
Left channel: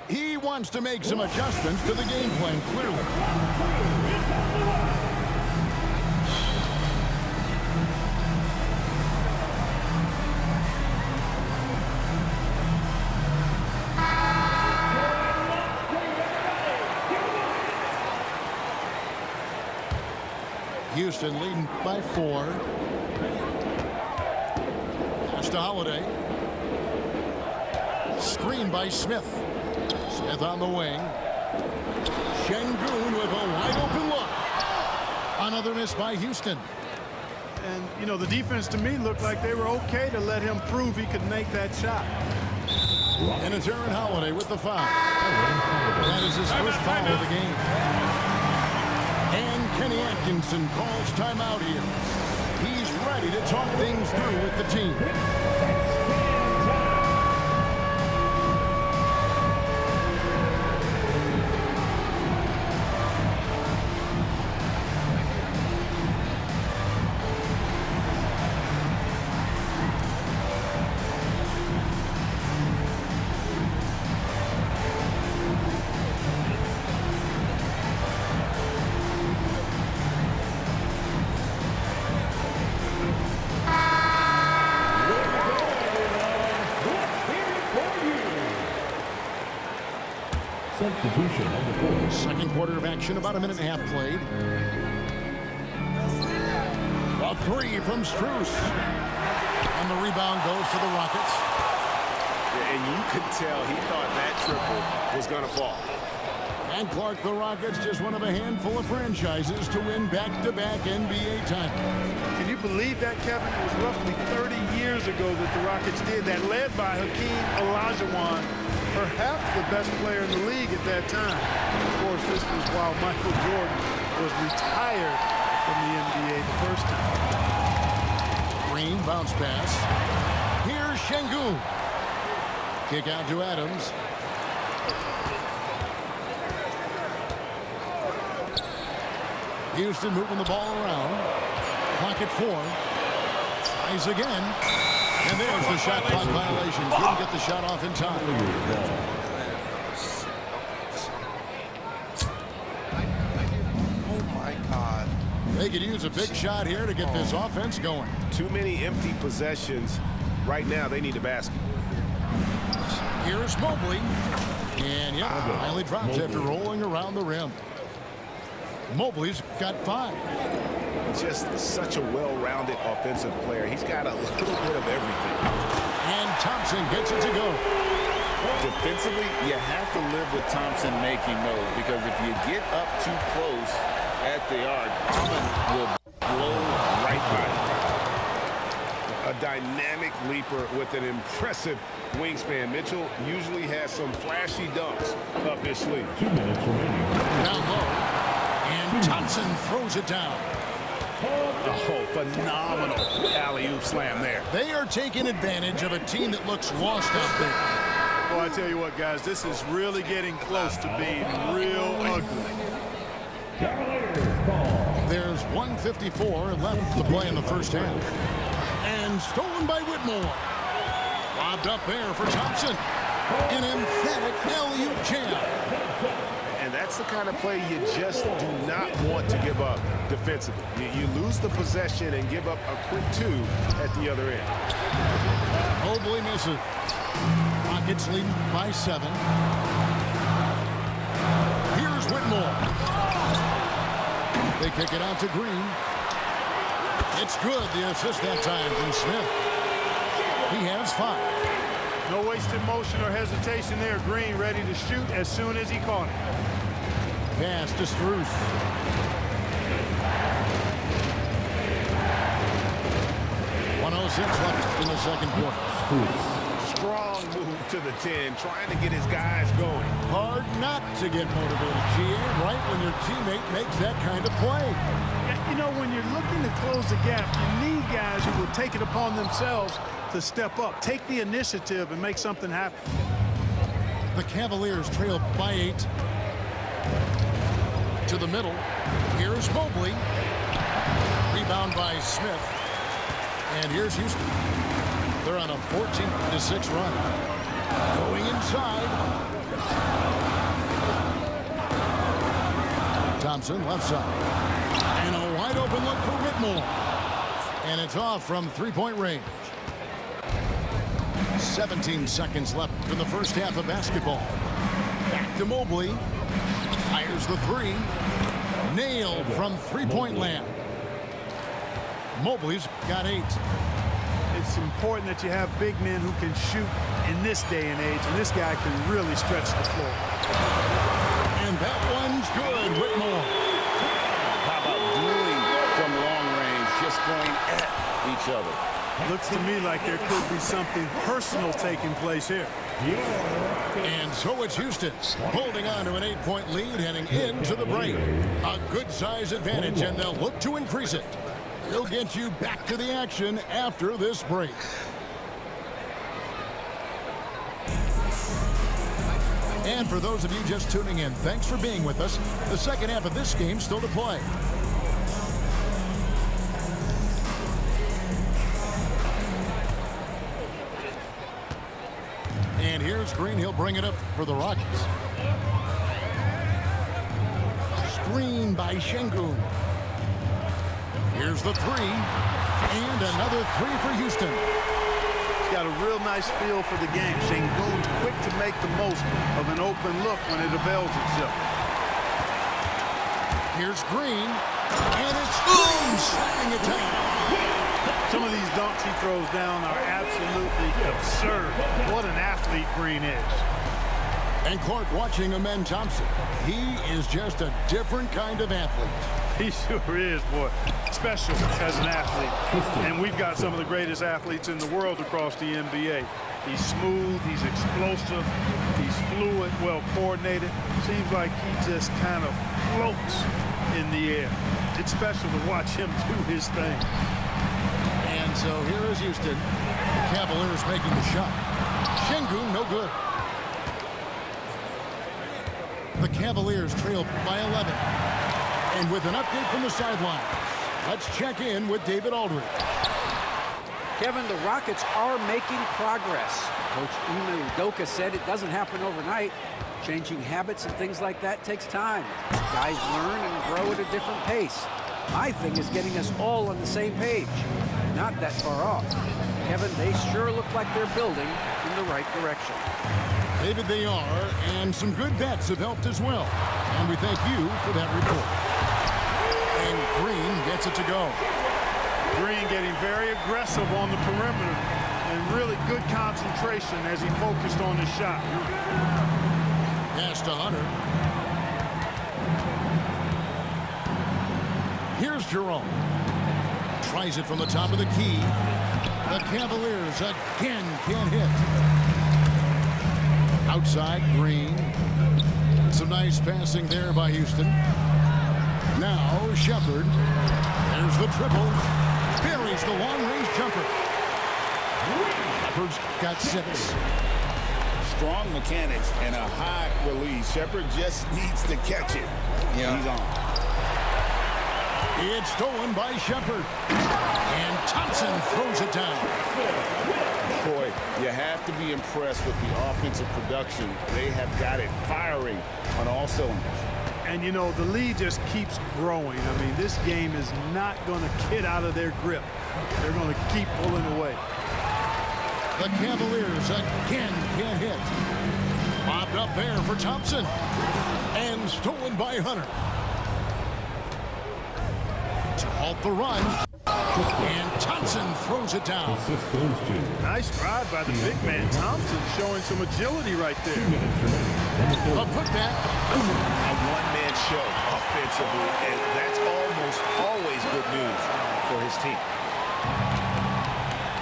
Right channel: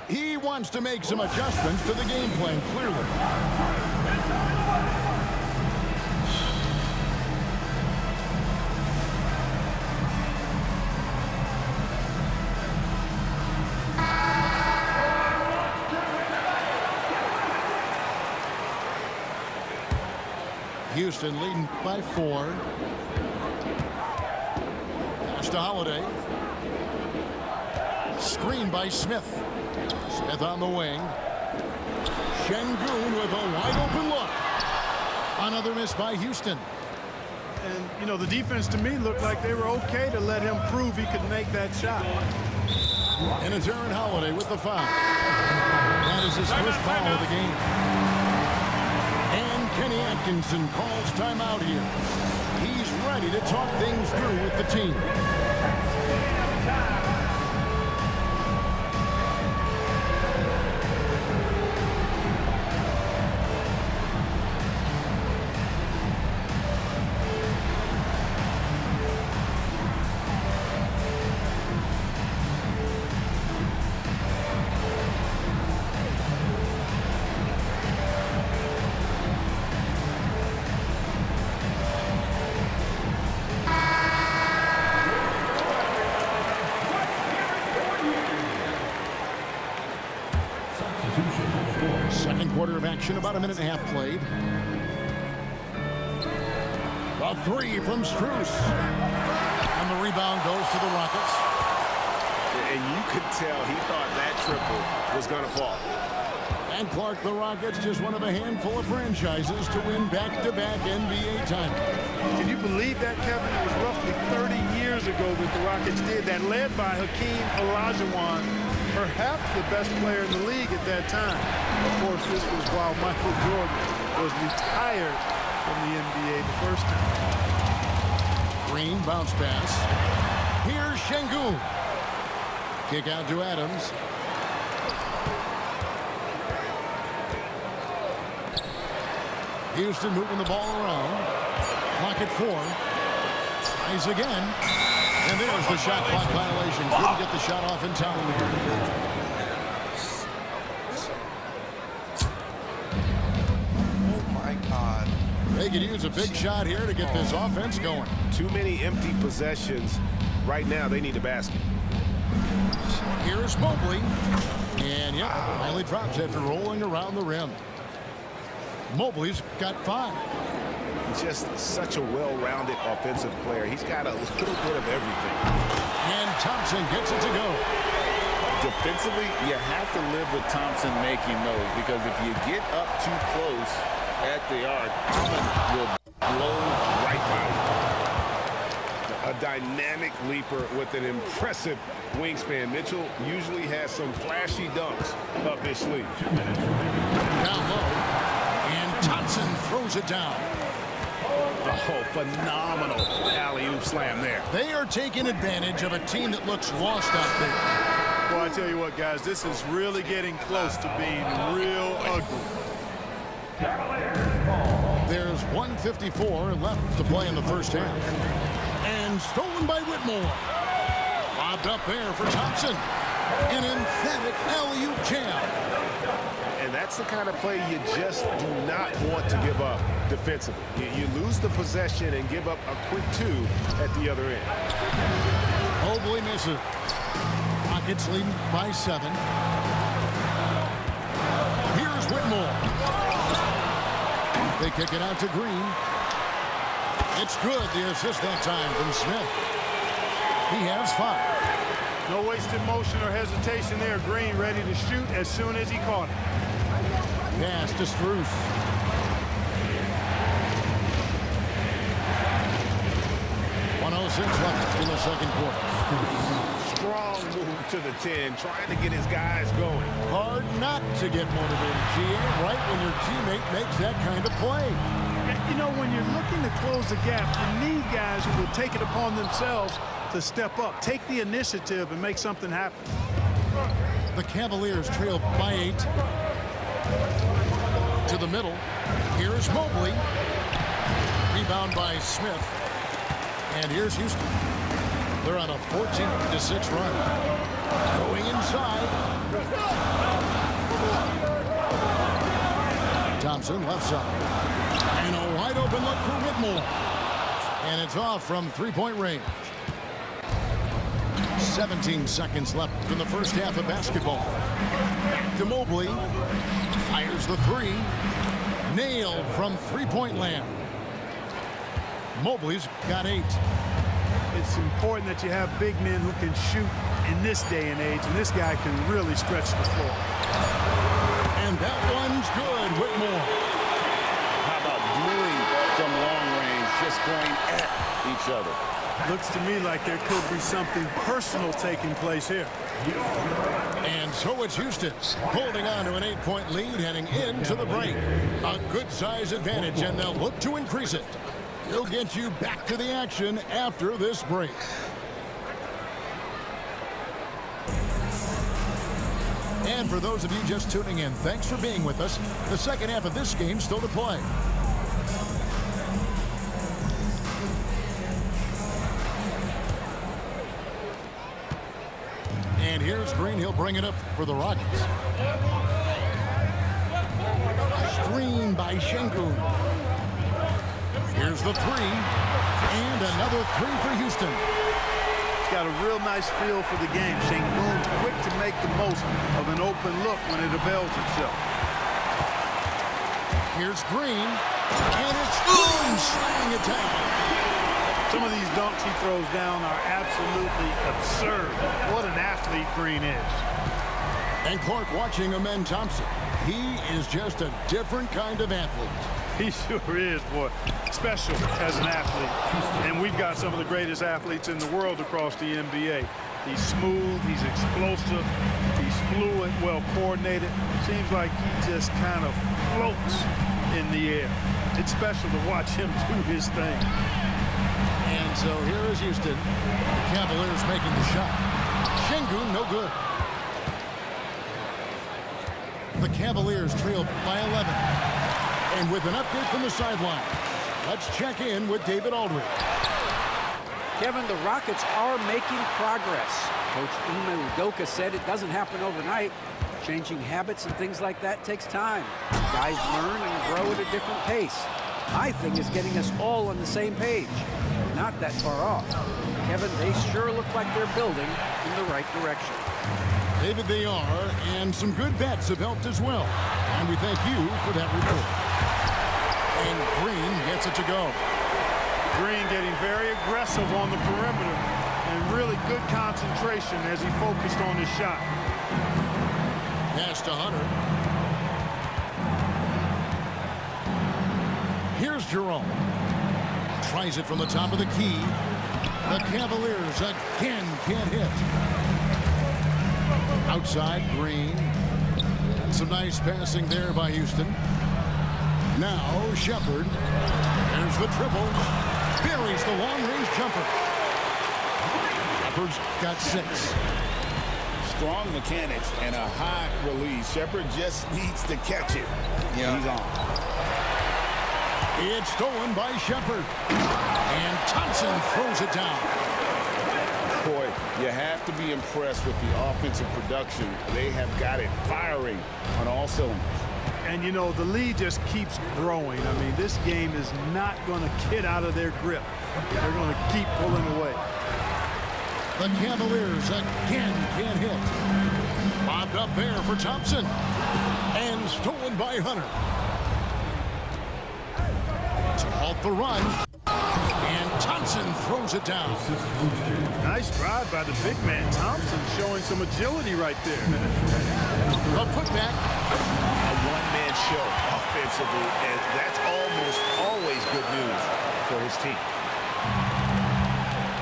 He wants to make some adjustments to the game plan, clearly. Houston leading by 4. Pass to Holiday. Screen by Smith. Smith on the wing. Şengün with a wide open look. Another miss by Houston. And, you know, the defense to me looked like they were okay to let him prove he could make that shot. And it's Aaron Holiday with the foul. That is his first foul of the game. And Kenny Atkinson calls timeout here. He's ready to talk things through with the team. Substitution on the court. Second quarter of action, about a minute and a half played. A three from Strus. And the rebound goes to the Rockets. And you could tell he thought that triple was going to fall. And Clark, the Rockets, just one of a handful of franchises to win back-to-back NBA titles. Can you believe that, Kevin? It was roughly 30 years ago that the Rockets did that, led by Hakeem Olajuwon, perhaps the best player in the league at that time. Of course, this was while Michael Jordan was retired from the NBA the first time. Green bounce pass. Here's Şengün. Kick out to Adams. Houston moving the ball around. Clock at 4. Tries again. And there's the shot clock violation. Couldn't get the shot off in time. Oh my God. They could use a big shot here to get this offense going. Too many empty possessions. Right now, they need a basket. Here's Mobley. And yeah, finally drops after rolling around the rim. Mobley's got 5. Just such a well-rounded offensive player. He's got a little bit of everything. And Thompson gets it to go. Defensively, you have to live with Thompson making those, because if you get up too close at the arc, Allen will blow right by you. A dynamic leaper with an impressive wingspan. Mitchell usually has some flashy dunks up his sleeve. 2 minutes remaining. Down low. And Thompson throws it down. Oh, phenomenal alley-oop slam there. They are taking advantage of a team that looks lost out there. Well, I tell you what, guys, this is really getting close to being real ugly. There's 1:54 left to play in the first half. And stolen by Whitmore. Lobbed up there for Thompson. An emphatic alley-oop jam. And that's the kind of play you just do not want to give up defensively. You lose the possession and give up a quick 2 at the other end. Mobley misses. Rockets leading by 7. Here's Whitmore. They kick it out to Green. It's good. The assist that time from Smith. He has 5. No wasted motion or hesitation there. Green ready to shoot as soon as he caught it. Pass to Strus. .106 left in the second quarter. Strong move to the 10, trying to get his guys going. Hard not to get motivated, GA, right when your teammate makes that kind of play. You know, when you're looking to close the gap, you need guys who will take it upon themselves to step up, take the initiative, and make something happen. The Cavaliers trail by 8. To the middle. Here's Mobley. Rebound by Smith. And here's Houston. They're on a 14-6 run. Going inside. Thompson left side. And a wide open look for Whitmore. And it's off from three-point range. 17 seconds left in the first half of basketball. Back to Mobley. Fires the 3. Nailed from three-point land. Mobley's got 8. It's important that you have big men who can shoot in this day and age, and this guy can really stretch the floor. And that one's good, Whitmore. How about dueling from long range, just going at each other? Looks to me like there could be something personal taking place here. And so it's Houston holding on to an 8-point lead heading into the break. A good size advantage, and they'll look to increase it. We'll get you back to the action after this break. And for those of you just tuning in, thanks for being with us. The second half of this game still to play. And here's Green. He'll bring it up for the Rockets. Screen by Şengün. Here's the 3. And another 3 for Houston. He's got a real nice feel for the game. Şengün's quick to make the most of an open look when it avails itself. Here's Green. And it's Green slamming it down. Some of these dunks he throws down are absolutely absurd. What an athlete Green is. And Clark watching Amen Thompson. He is just a different kind of athlete. He sure is, boy. Special as an athlete. And we've got some of the greatest athletes in the world across the NBA. He's smooth, he's explosive, he's fluid, well coordinated. Seems like he just kind of floats in the air. It's special to watch him do his thing. And so here is Houston. The Cavaliers making the shot. Şengün, no good. The Cavaliers trail by 11. And with an update from the sidelines, let's check in with David Aldridge. Kevin, the Rockets are making progress. Coach Ime Udoka said it doesn't happen overnight. Changing habits and things like that takes time. Guys learn and grow at a different pace. My thing is getting us all on the same page. We're not that far off. Kevin, they sure look like they're building in the right direction. David, they are, and some good vets have helped as well. And we thank you for that report. And Green gets it to go. Green getting very aggressive on the perimeter and really good concentration as he focused on his shot. Pass to Hunter. Here's Jerome. Tries it from the top of the key. The Cavaliers again can't hit. Outside, Green. And some nice passing there by Houston. Now, Shepard. There's the triple. Buries the long-range jumper. Shepard's got 6. Strong mechanics and a high release. Shepard just needs to catch it. Yeah. He's on. It's stolen by Shepard. And Thompson throws it down. Boy, you have to be impressed with the offensive production. They have got it firing on all cylinders. And, you know, the lead just keeps growing. I mean, this game is not going to get out of their grip. They're going to keep pulling away. The Cavaliers again can't hit. Bobbed up there for Thompson. And stolen by Hunter. To halt the run. And Thompson throws it down. Nice drive by the big man. Thompson showing some agility right there. A putback. A one-man show offensively, and that's almost always good news for his team.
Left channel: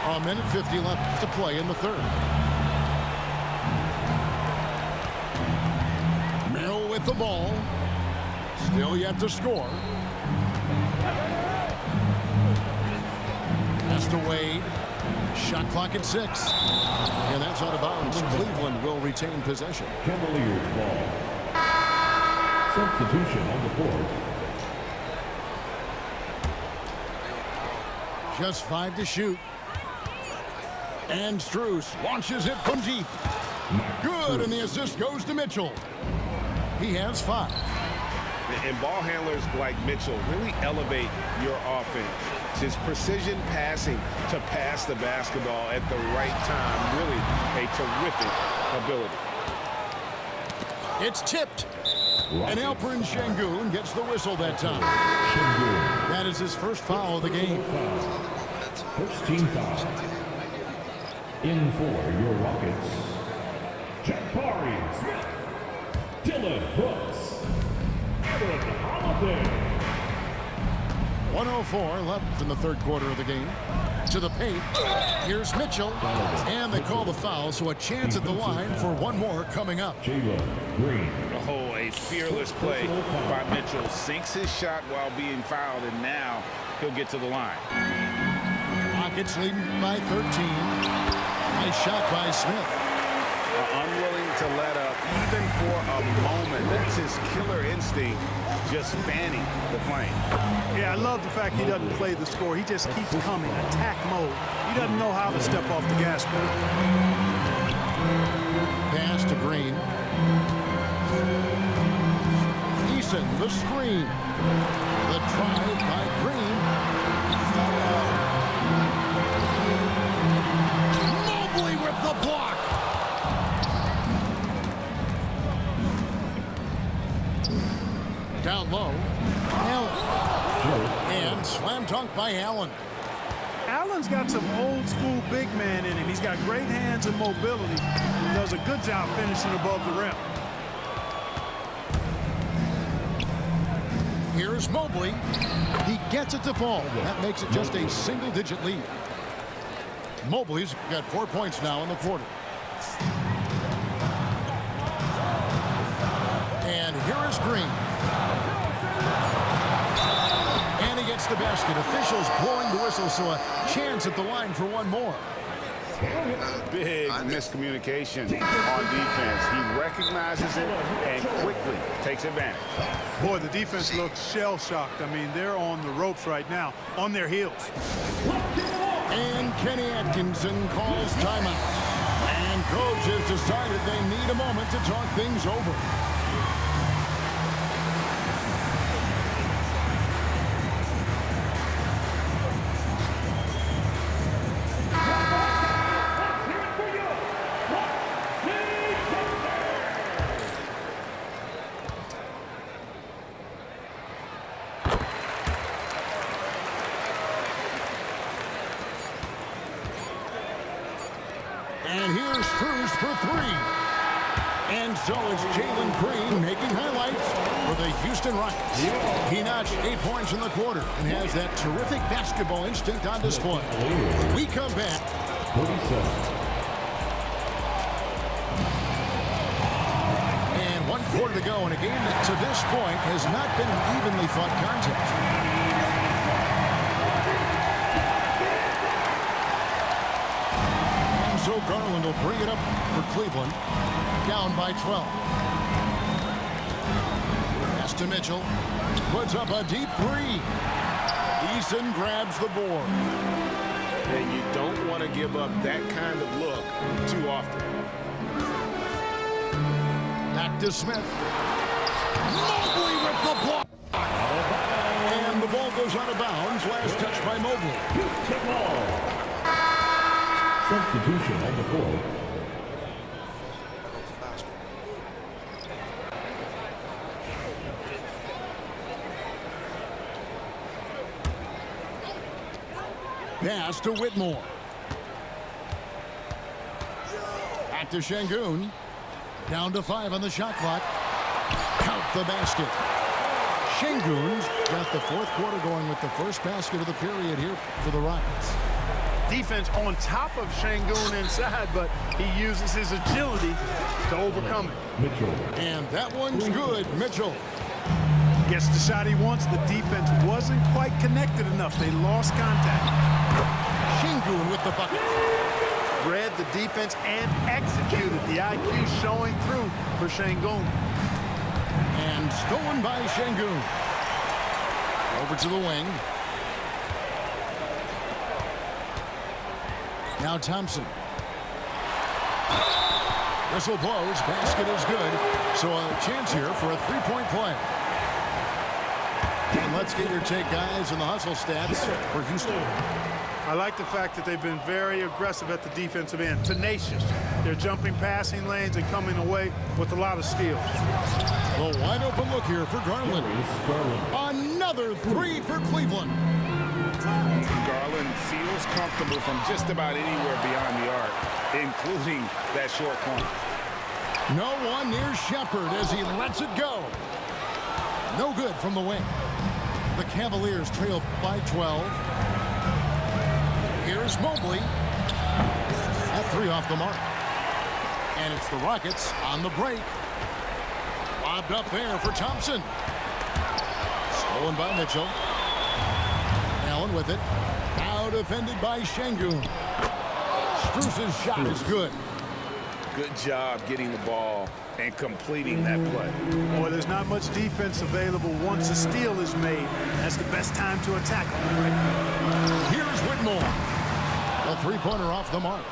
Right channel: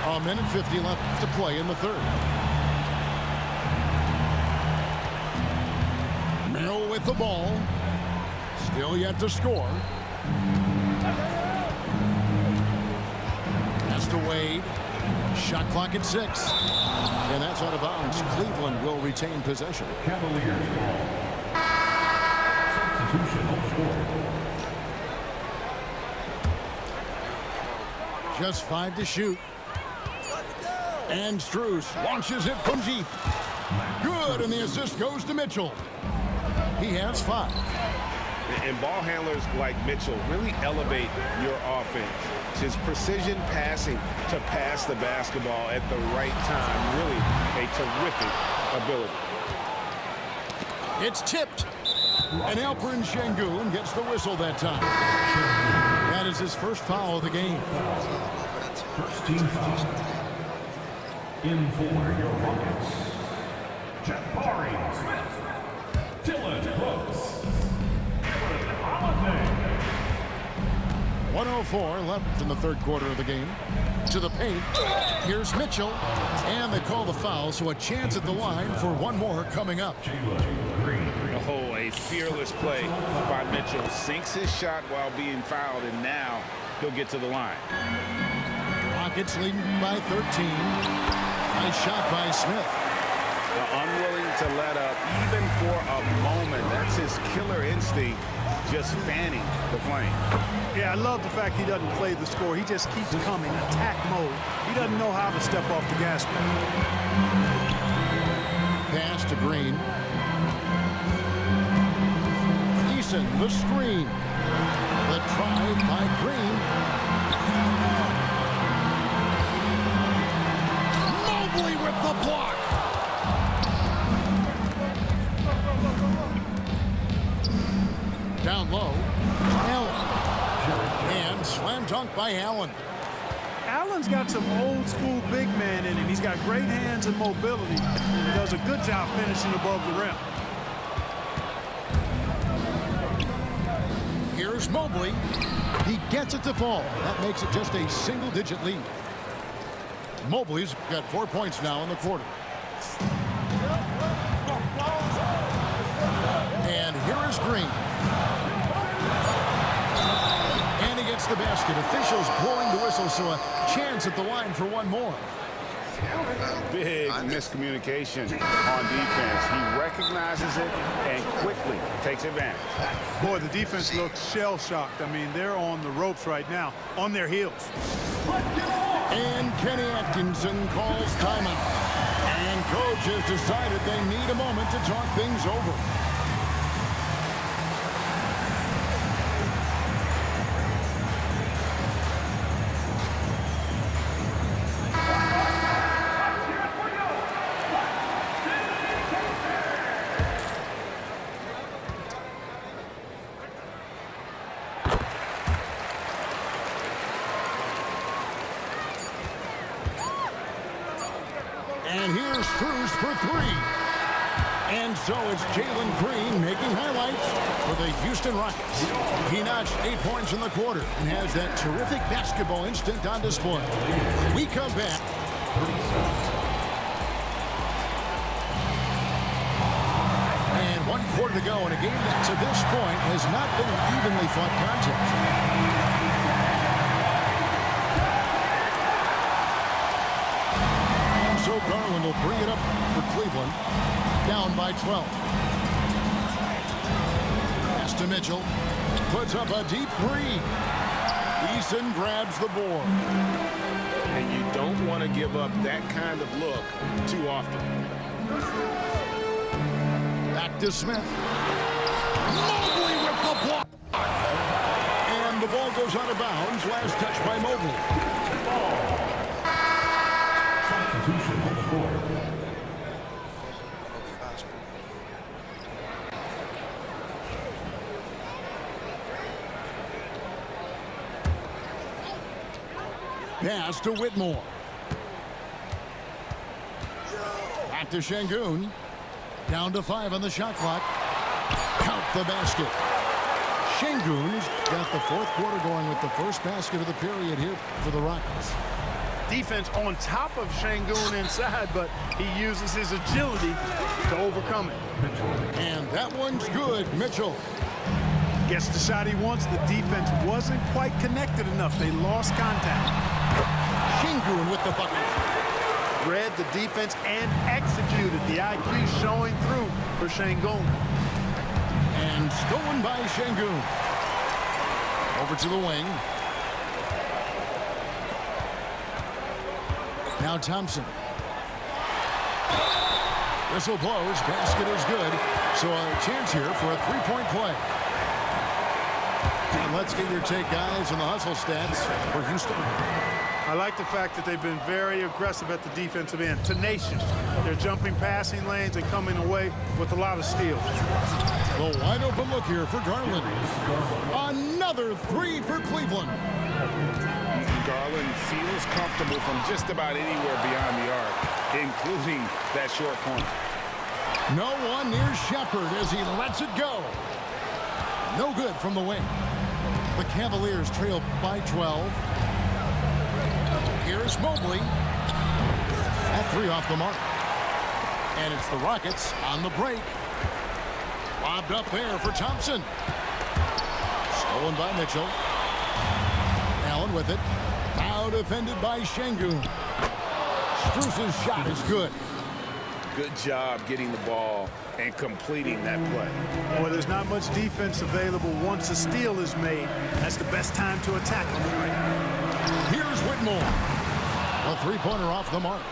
A minute 50 left to play in the third. Merrill with the ball. Still yet to score. Pass to Wade. Shot clock at 6. And that's out of bounds. Cleveland will retain possession. Cavaliers ball. Substitution on the court. Just 5 to shoot. And Strus launches it from deep. Good, and the assist goes to Mitchell. He has 5. And ball handlers like Mitchell really elevate your offense. His precision passing to pass the basketball at the right time. Really a terrific ability. It's tipped. And Alperen Şengün gets the whistle that time. That is his first foul of the game. First team foul. In for your Rockets. Jabari Smith. Dylan Brooks. Aaron Holiday. 1:04 left in the third quarter of the game. To the paint. Here's Mitchell. And they call the foul, so a chance at the line for one more coming up. Green. Oh, a fearless play by Mitchell. Sinks his shot while being fouled, and now he'll get to the line. Rockets leading by 13. Nice shot by Smith. Unwilling to let up even for a moment. That's his killer instinct, just fanning the flame. Yeah, I love the fact he doesn't play the score. He just keeps coming, attack mode. He doesn't know how to step off the gas pedal. Pass to Green. Eason, the screen. The drive by Green. Mobley with the block. Down low. Allen. And slam dunk by Allen. Allen's got some old school big man in him. He's got great hands and mobility and does a good job finishing above the rim. Here's Mobley. He gets it to fall. That makes it just a single-digit lead. Mobley's got 4 points now in the quarter. And here is Green. And he gets the basket. Officials blowing the whistle, so a chance at the line for one more. Big miscommunication on defense. He recognizes it and quickly takes advantage. Boy, the defense looks shell-shocked. I mean, they're on the ropes right now, on their heels. And Kenny Atkinson calls timeout. And coach has decided they need a moment to talk things over. And here's Cruz for three. And so it's Jalen Green making highlights for the Houston Rockets. He notched 8 points in the quarter and has that terrific basketball instinct on display. We come back. And 1 quarter to go in a game that to this point has not been an evenly fought contest. So Garland will bring it up for Cleveland, down by 12. Pass to Mitchell, puts up a deep three. Eason grabs the board. And you don't want to give up that kind of look too often. Back to Smith. Mobley with the block. And the ball goes out of bounds. Last touch by Mobley. Substitution on the court. Pass to Whitmore. Back to Şengün. Down to 5 on the shot clock. Count the basket. Şengün's got the fourth quarter going with the first basket of the period here for the Rockets. Defense on top of Şengün inside, but he uses his agility to overcome it. Mitchell. And that one's good. Mitchell. Gets the shot he wants. The defense wasn't quite connected enough. They lost contact. Şengün with the bucket. Read the defense and executed. The IQ showing through for Şengün. And stolen by Şengün. Over to the wing. Now Thompson. Whistle blows. Basket is good. So a chance here for a three-point play. And let's get your take, guys, on the hustle stats for Houston. I like the fact that they've been very aggressive at the defensive end. Tenacious. They're jumping passing lanes and coming away with a lot of steals. The wide open look here for Garland. Another three for Cleveland. Garland feels comfortable from just about anywhere beyond the arc, including that short corner. No one near Shepard as he lets it go. No good from the wing. The Cavaliers trail by 12. Here's Mobley. That three off the mark. And it's the Rockets on the break. Lobbed up there for Thompson. Stolen by Mitchell. Allen with it. Now defended by Şengün. Strus's shot is good. Good job getting the ball and completing that play. Boy, there's not much defense available once a steal is made. That's the best time to attack on the break. Here's Whitmore. A three-pointer off the mark.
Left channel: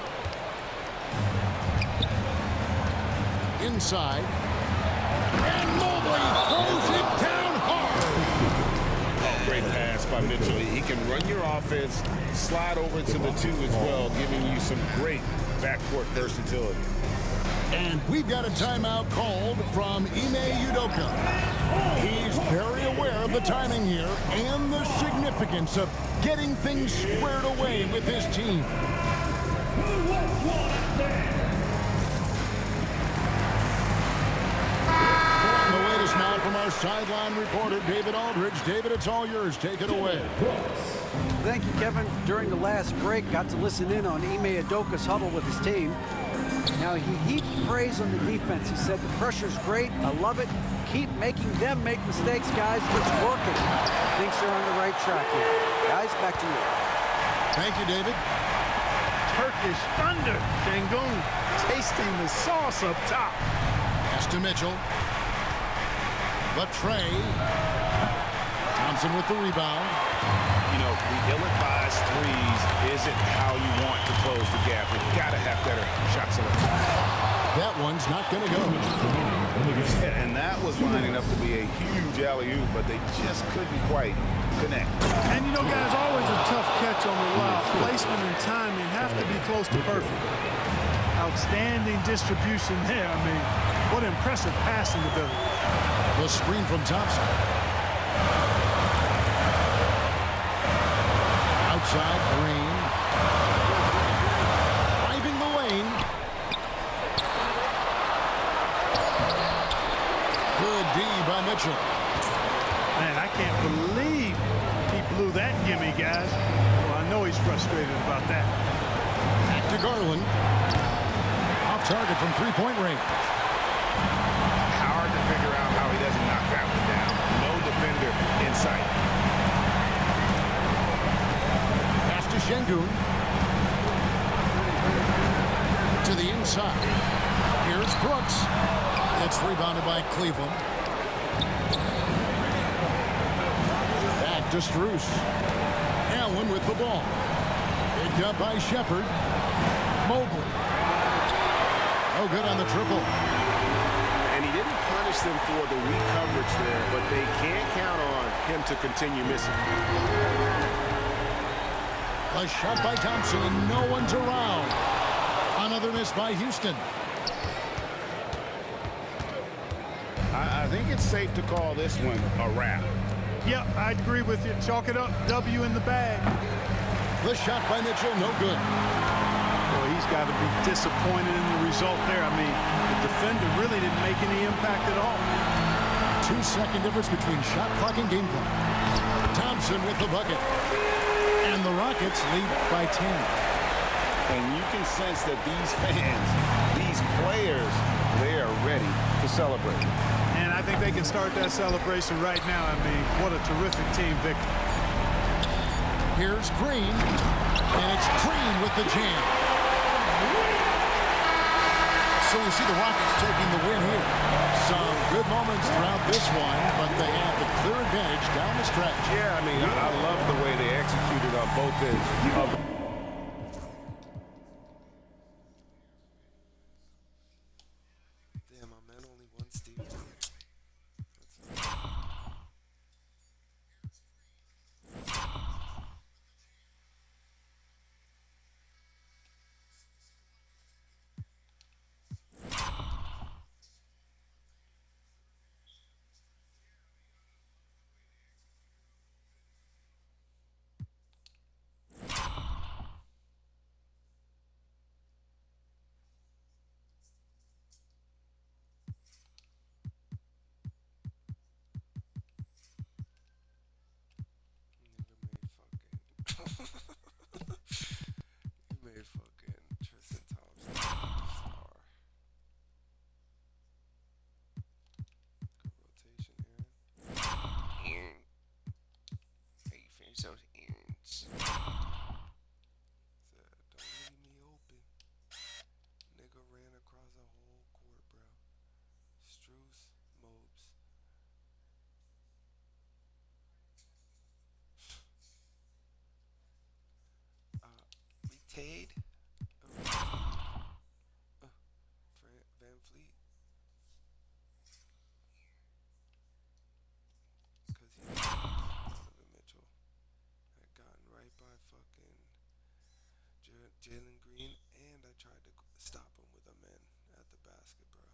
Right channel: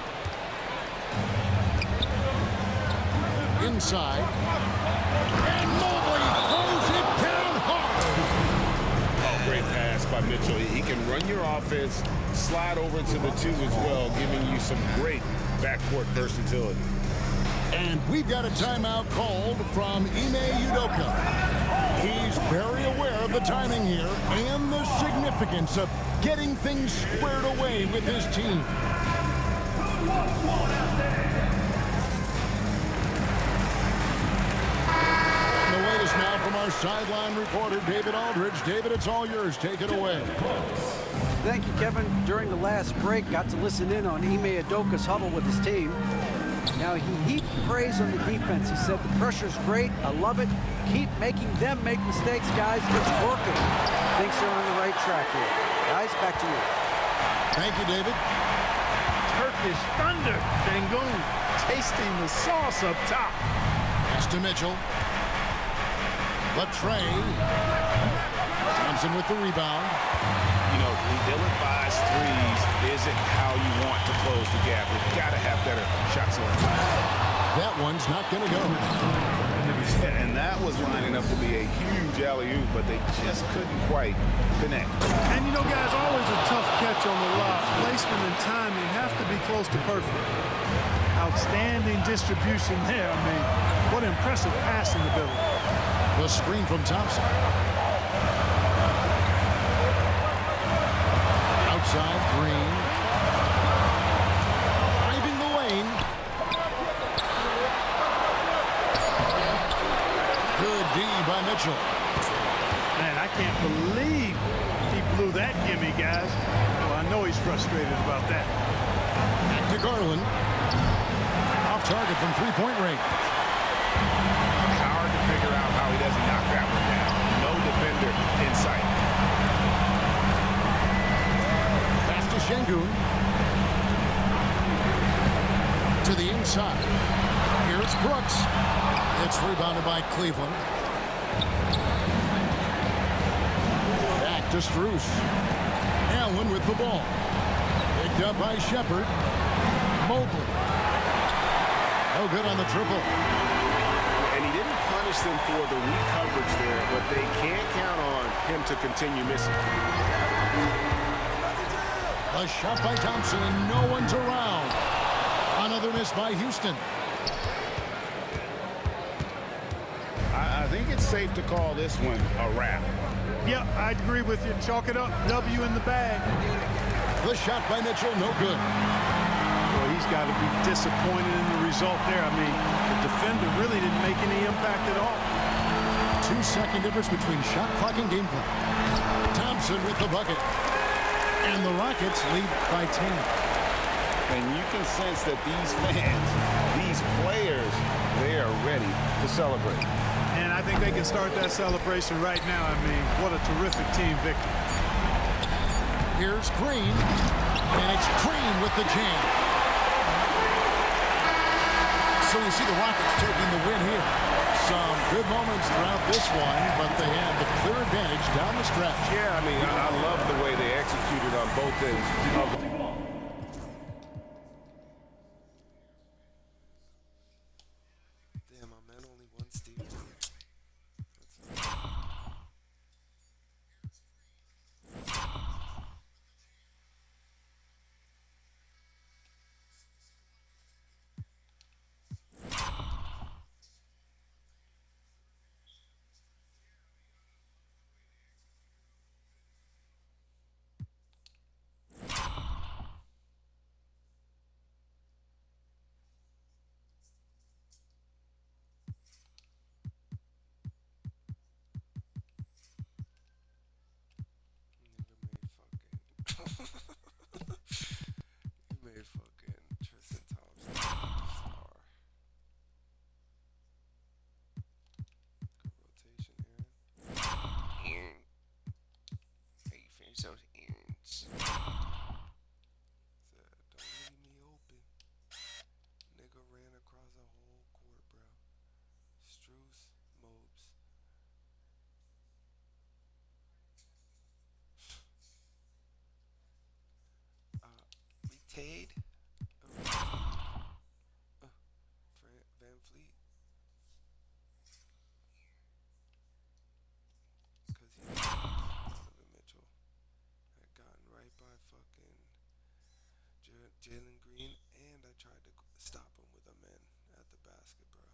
Inside. And Mobley throws it down hard. Oh, great pass by Mitchell. He can run your offense, slide over to the two as well, giving you some great backcourt versatility. And we've got a timeout called from Ime Udoka. He's very aware of the timing here and the significance of getting things squared away with his team. And the latest now from our sideline reporter, David Aldridge. David, it's all yours. Take it away. Thank you, Kevin. During the last break, got to listen in on Ime Udoka's huddle with his team. Now, he heaped praise on the defense. He said, the pressure's great. I love it. Keep making them make mistakes, guys. It's working. He thinks they're on the right track here. Guys, back to you. Thank you, David. Turkish thunder. Şengün tasting the sauce up top. Pass to Mitchell. The tray. Thompson with the rebound. You know, the ill-advised threes isn't how you want to close the gap. You've got to have better shot selection. That one's not going to go. And that was lining up to be a huge alley-oop, but they just couldn't quite connect. And you know, guys, always a tough catch on the lob. Placement and timing have to be close to perfect. Outstanding distribution there. I mean, what impressive passing ability. The screen from Thompson. Outside, Green. Driving the lane. Good D by Mitchell. Man, I can't believe he blew that gimme, guys. Well, I know he's frustrated about that. Back to Garland. Off target from three-point range. Hard to figure out how he doesn't knock that one down. No defender in sight. Pass to Şengün. To the inside. Here's Brooks. It's rebounded by Cleveland. Back to Strus. Allen with the ball. Picked up by Shepard. Mobley. No good on the triple. And he didn't punish them for the weak coverage there, but they can't count on him to continue missing. A shot by Thompson, and no one's around. Another miss by Houston. I think it's safe to call this one a wrap. Yeah, I'd agree with you. Chalk it up. W in the bag. The shot by Mitchell, no good. Boy, he's got to be disappointed in the result there. I mean, the defender really didn't make any impact at all. 2-second difference between shot clock and game clock. Thompson with the bucket. And the Rockets lead by 10. And you can sense that these fans, these players, they are ready to celebrate. And I think they can start that celebration right now. I mean, what a terrific team victory. Here's Green. And it's Green with the jam. So we see the Rockets taking the win here. Some good moments throughout this one, but they have the clear advantage down the stretch. Yeah, I mean, I love the way they executed on both ends of the... Damn, my man only one Steve. You made fucking Tristan Thompson star. Good rotation, Aaron. How you finish those errands? Said, don't leave me open. Nigga ran across the whole court, bro. Strus, Mobes. Retade. Van Fleet. Because he Donovan Mitchell had gotten right by fucking Jalen Green, and I tried to stop him with a man at the basket, bro.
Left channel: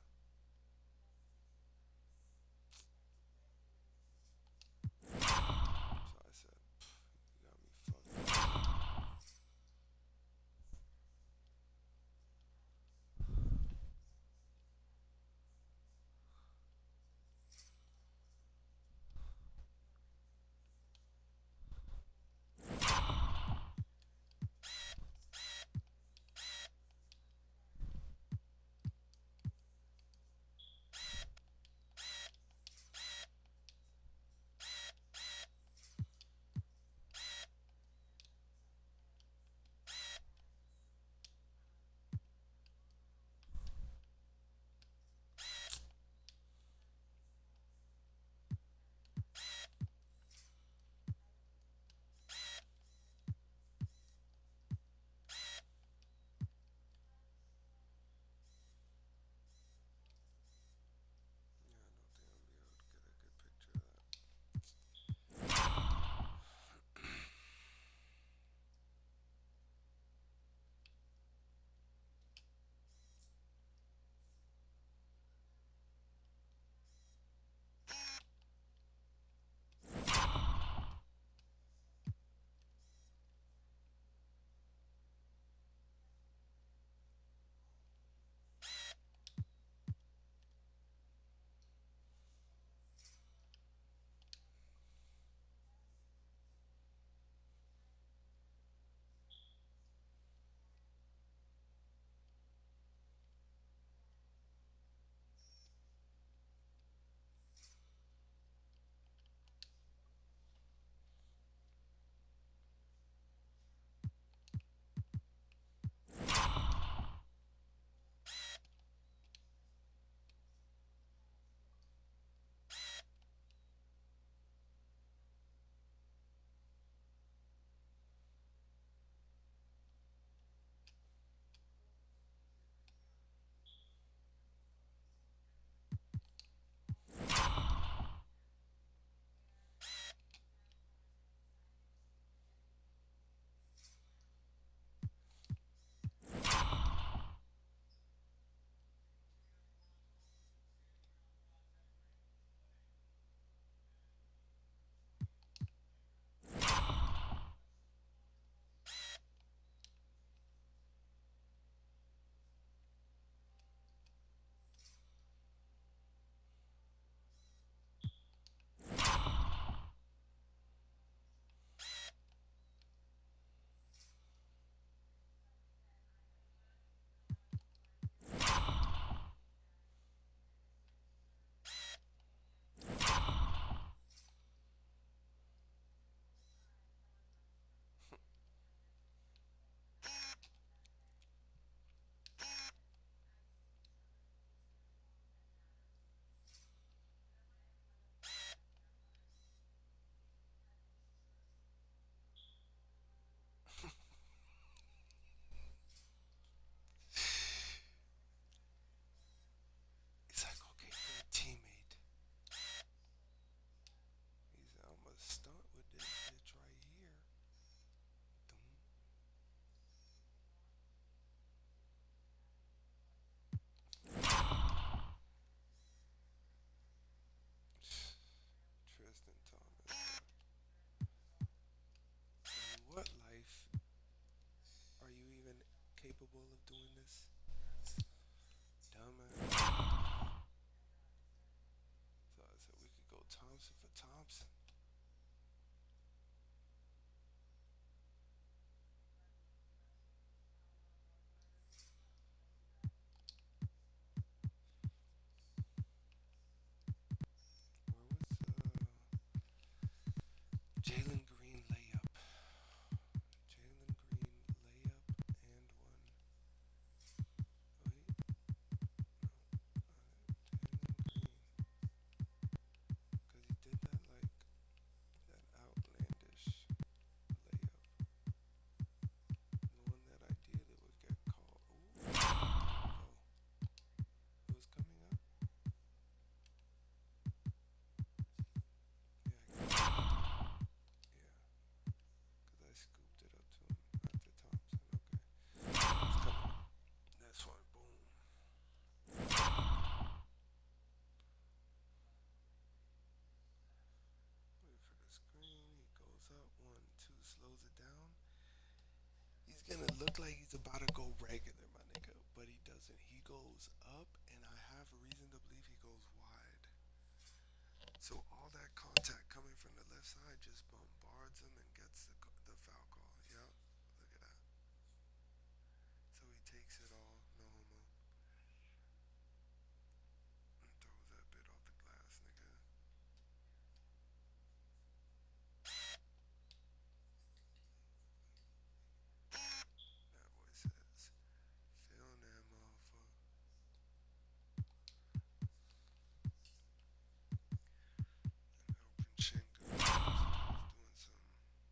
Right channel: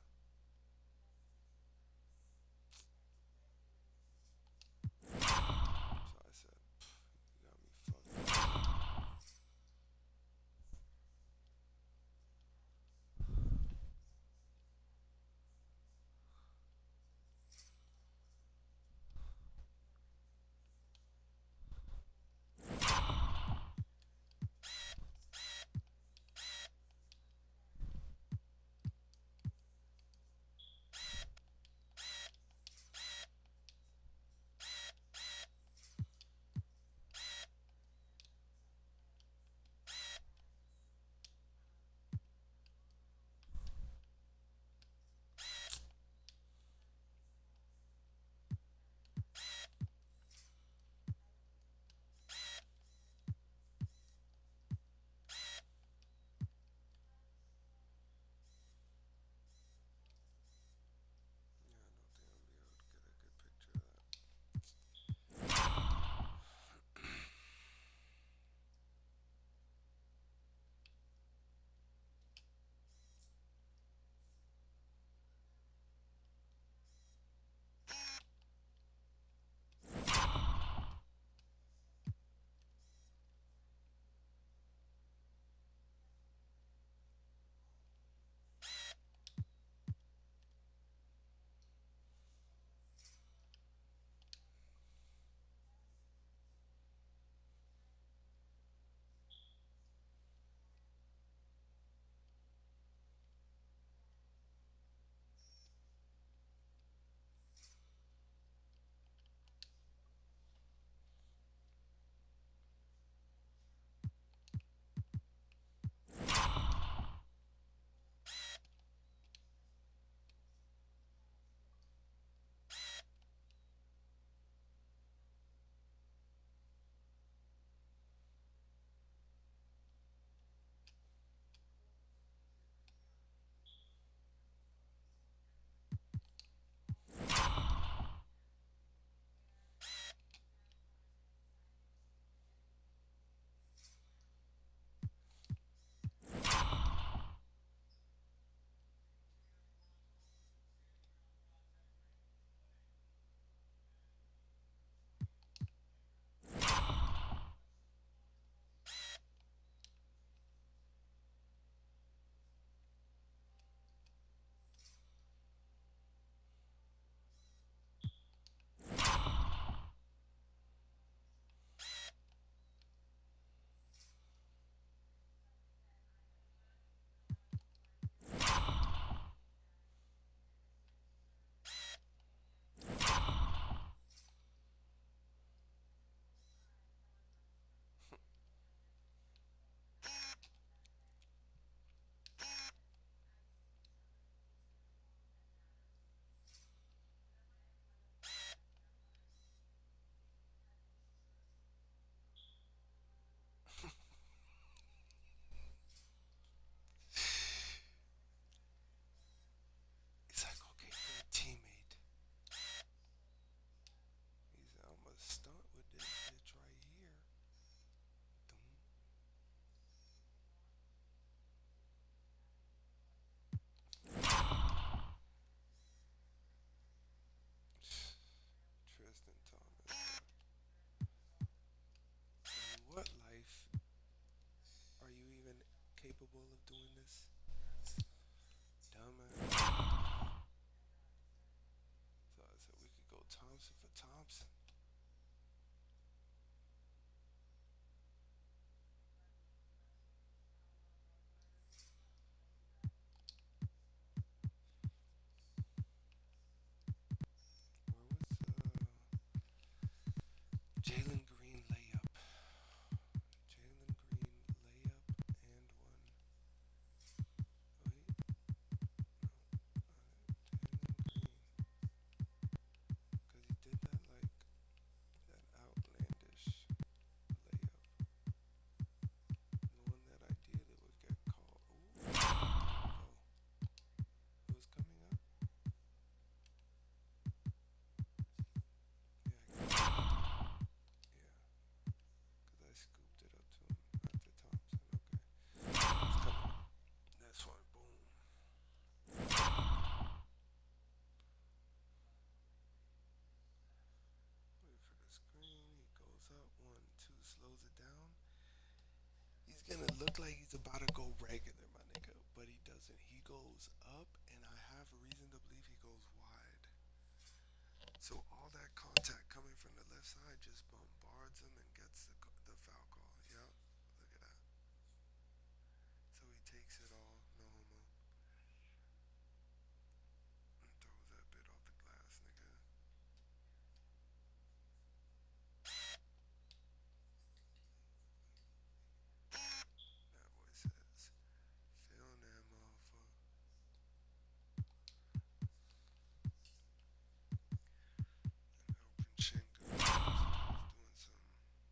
So I said, you got me fucked. Jalen Green layup. Jalen Green layup and one. Wait. Because he did that like that outlandish layup. The one that ideally would get called. Ooh. Oh. It was coming up. Yeah. Because I scooped it up to him after Thompson. Okay. It's coming. This one. Boom. Wait for the screen. He goes up. 1, 2. Slows it down. He's gonna look like he's about to go regular, my nigga, but he doesn't. He goes up, and I have a reason to believe he goes wide. So all that contact coming from the left side just bombards him and gets the foul call. Yep, look at that. So he takes it all, no homo, and throws that bit off the glass, nigga. That boy says, feeling that motherfucker. And open Shinka doing something.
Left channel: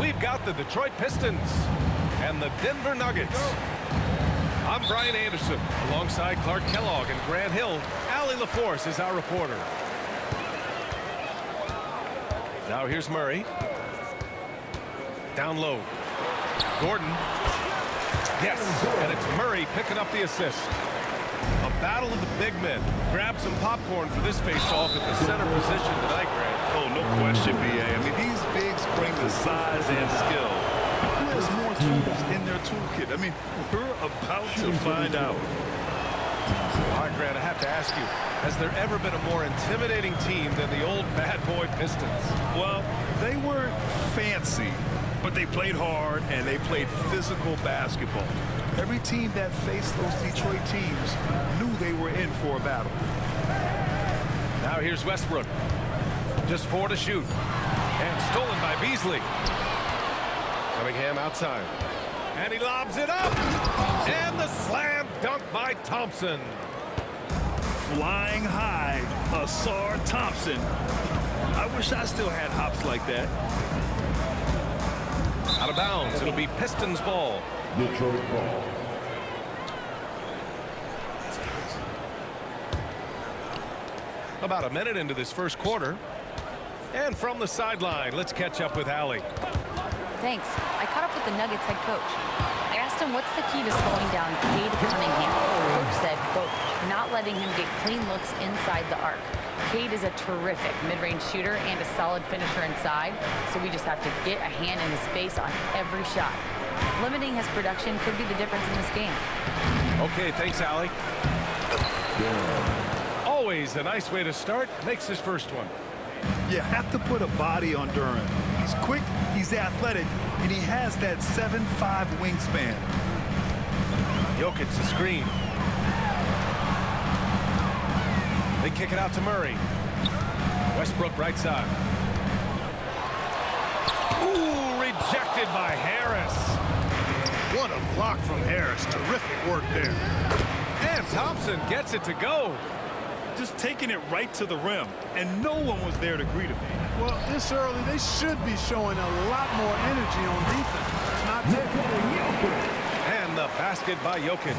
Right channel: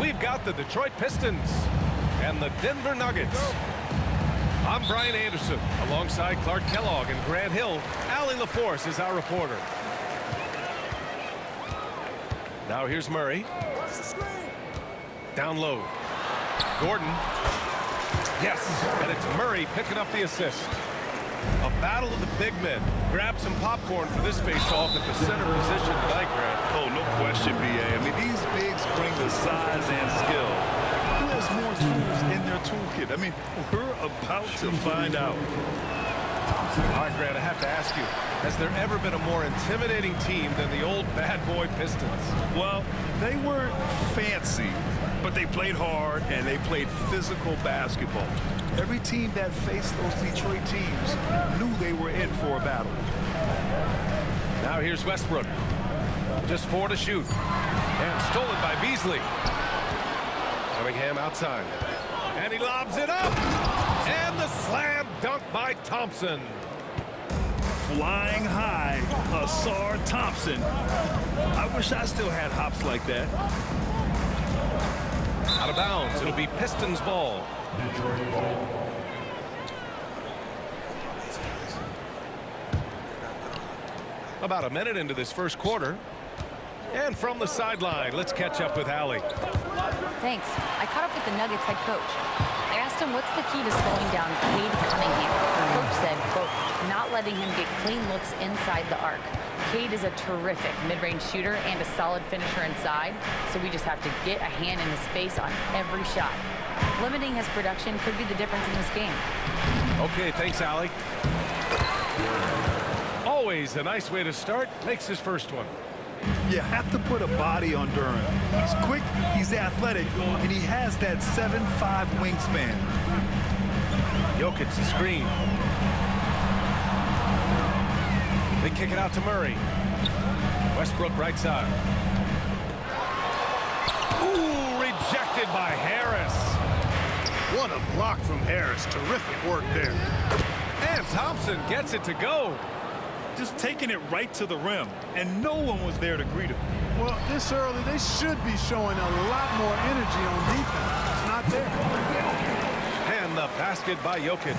we've got the Detroit Pistons and the Denver Nuggets. I'm Brian Anderson, alongside Clark Kellogg and Grant Hill. Allie LaForce is our reporter. Now here's Murray. Down low. Gordon. Yes, and it's Murray picking up the assist. A battle of the big men. Grab some popcorn for this face-off at the center position tonight, Grant. Oh, no question, B.A. I mean, these bigs bring the size and skill. Who has more tools in their toolkit? I mean, we're about to find out. All right, Grant, I have to ask you, has there ever been a more intimidating team than the old bad boy Pistons? Well, they weren't fancy, but they played hard and they played physical basketball. Every team that faced those Detroit teams knew they were in for a battle. Now here's Westbrook. Just 4 to shoot. And stolen by Beasley. Cunningham outside. And he lobs it up. And the slam dunk by Thompson. Flying high, Asar Thompson. I wish I still had hops like that. Out of bounds. It'll be Pistons ball. Detroit ball. About a minute into this first quarter. And from the sideline, let's catch up with Allie. Thanks. I caught up with the Nuggets head coach. I asked him what's the key to slowing down Cade Cunningham. Coach said, quote, not letting him get clean looks inside the arc. Cade is a terrific mid-range shooter and a solid finisher inside, so we just have to get a hand in his face on every shot. Limiting his production could be the difference in this game. Okay, thanks, Allie. Always a nice way to start. Makes his first one. You have to put a body on Durant. He's quick, he's athletic, and he has that 7'5" wingspan. Jokic the screen. They kick it out to Murray. Westbrook right side. Ooh, rejected by Harris. What a block from Harris. Terrific work there. And Thompson gets it to go. Just taking it right to the rim, and no one was there to greet him. Well, this early, they should be showing a lot more energy on defense. It's not there. And the basket by Jokic.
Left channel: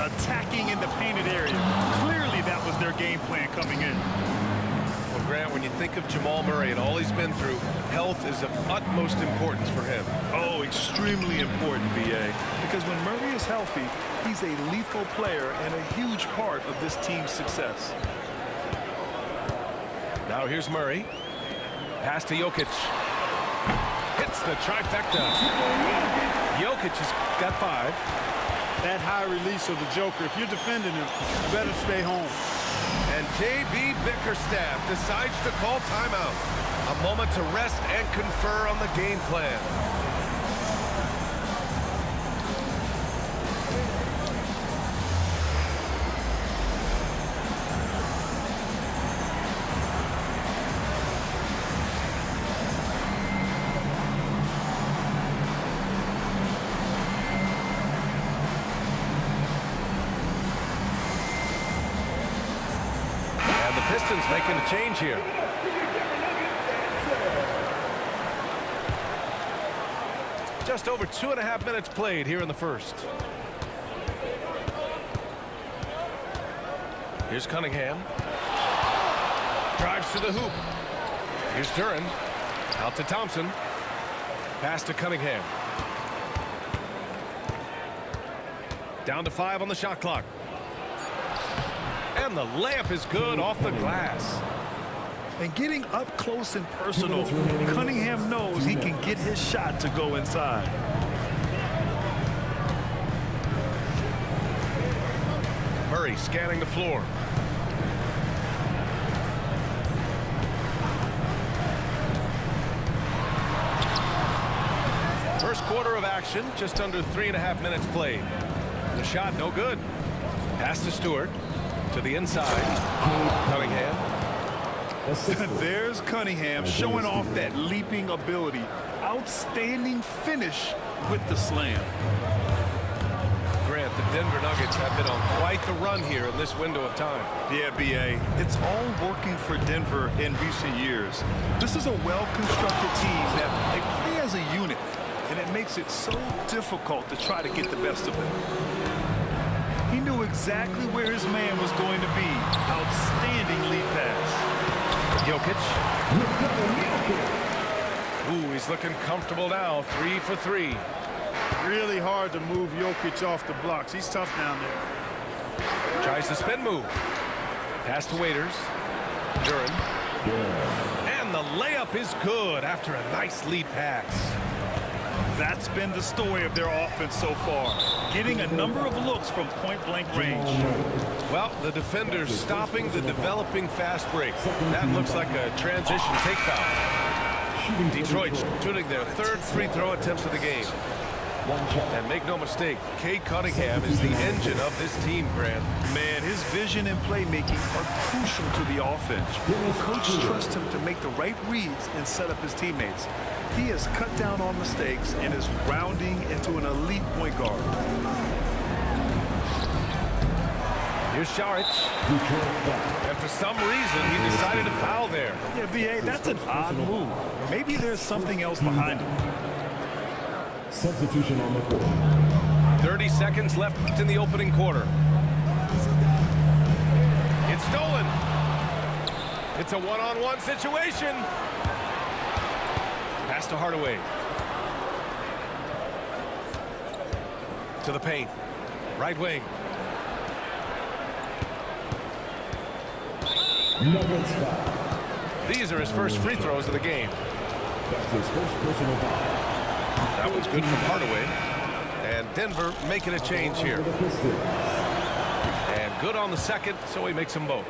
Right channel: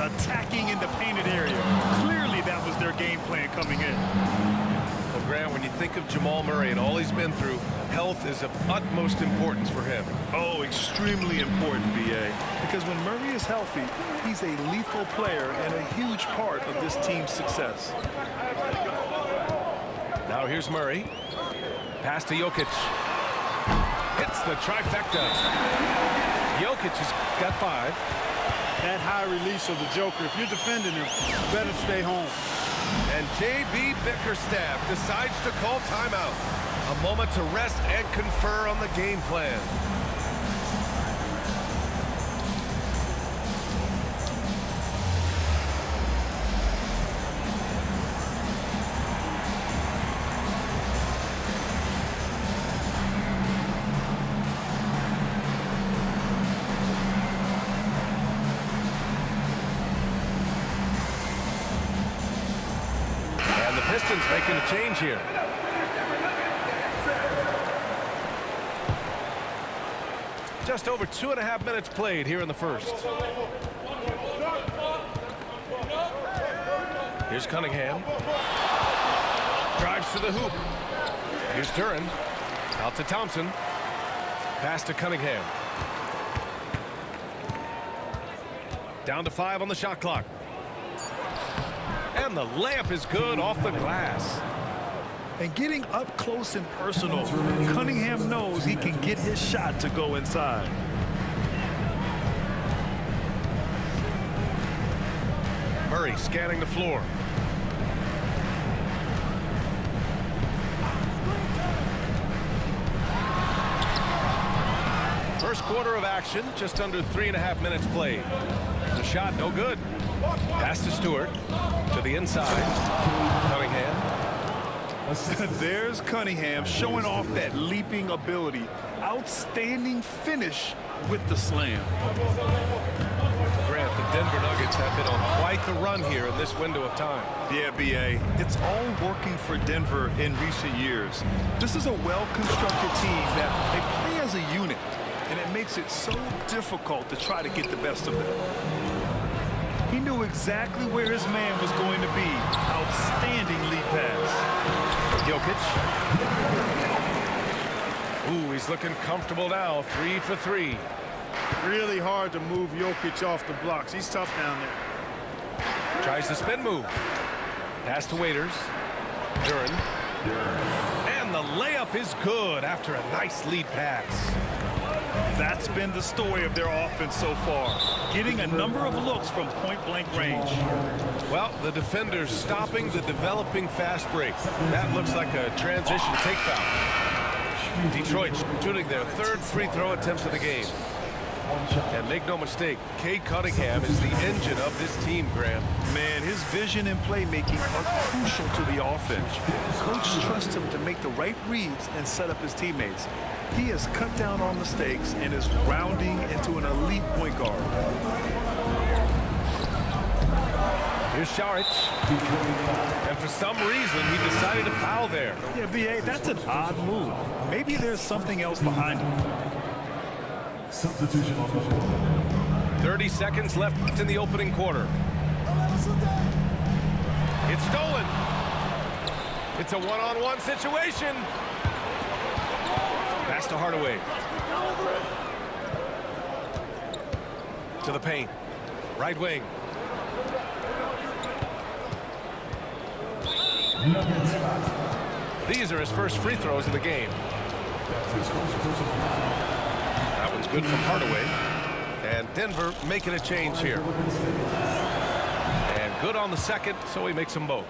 Attacking in the painted area. Clearly that was their game plan coming in. Well, Grant, when you think of Jamal Murray and all he's been through, health is of utmost importance for him. Oh, extremely important, B.A. Because when Murray is healthy, he's a lethal player and a huge part of this team's success. Now here's Murray. Pass to Jokic. Hits the trifecta. Jokic has got 5. That high release of the Joker, if you're defending him, you better stay home. And J.B. Bickerstaff decides to call timeout. A moment to rest and confer on the game plan. And the Pistons making a change here. Just over 2.5 minutes played here in the first. Here's Cunningham. Drives to the hoop. Here's Duran. Out to Thompson. Pass to Cunningham. Down to 5 on the shot clock. And the layup is good off the glass. And getting up close and personal, Cunningham knows he can get his shot to go inside. Murray scanning the floor. First quarter of action, just under 3.5 minutes played. The shot no good. Pass to Stewart. To the inside. Cunningham. There's Cunningham showing off that leaping ability. Outstanding finish with the slam. Grant, the Denver Nuggets have been on quite the run here in this window of time. Yeah, B.A. It's all working for Denver in recent years. This is a well-constructed team that they play and it makes it so difficult to try to get the best of them. He knew exactly where his man was going to be. Outstanding lead pass. Jokic. Ooh, he's looking comfortable now. 3 for 3. Really hard to move Jokic off the blocks. He's tough down there. Tries the spin move. Pass to Waiters. Duran. And the layup is good after a nice lead pass. That's been the story of their offense so far, getting a number of looks from point-blank range. Well, the defender's stopping the developing fast break. That looks like a transition take foul. Detroit shooting their third free throw attempt of the game. And make no mistake, Cade Cunningham is the engine of this team, Grant. Man, his vision and playmaking are crucial to the offense. Coach trusts him to make the right reads and set up his teammates. He has cut down on mistakes and is rounding into an elite point guard. Here's Saric. And for some reason, he decided to foul there. Yeah, B.A., that's an odd move. Maybe there's something else behind it. Substitution on the court. 30 seconds left in the opening quarter. It's stolen. It's a one-on-one situation. Pass to Hardaway. To the paint. Right wing. These are his first free throws of the game. That's his first personal foul. That one's good from Hardaway. And Denver making a change here. And good on the second, so he makes them both.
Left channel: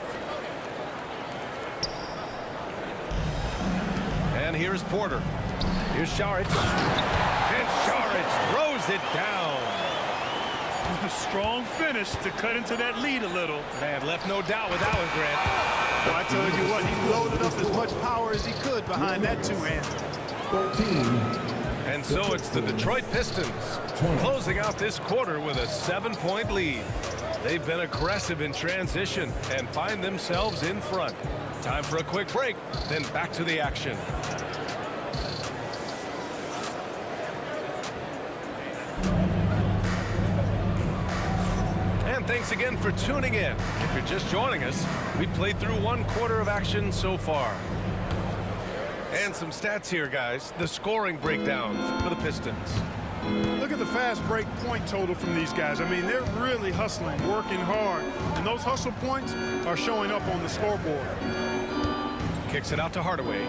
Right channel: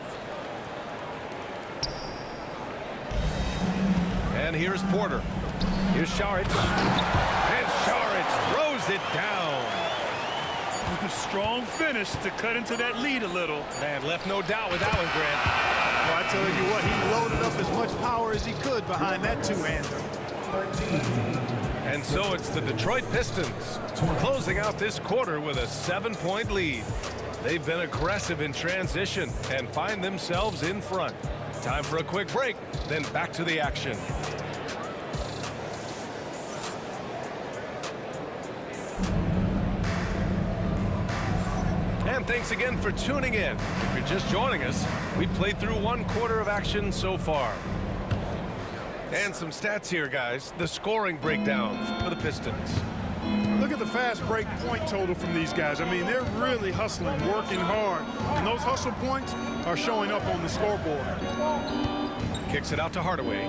And here's Porter. Here's Saric. And Saric throws it down. A strong finish to cut into that lead a little. Man, left no doubt with that one, Grant. Well, I tell you what, he loaded up as much power as he could behind that two-hander. 13. And so it's the Detroit Pistons closing out this quarter with a 7-point lead. They've been aggressive in transition and find themselves in front. Time for a quick break, then back to the action. And thanks again for tuning in. If you're just joining us, we played through one quarter of action so far. And some stats here, guys. The scoring breakdown for the Pistons. Look at the fast break point total from these guys. I mean, they're really hustling, working hard. And those hustle points are showing up on the scoreboard. Kicks it out to Hardaway.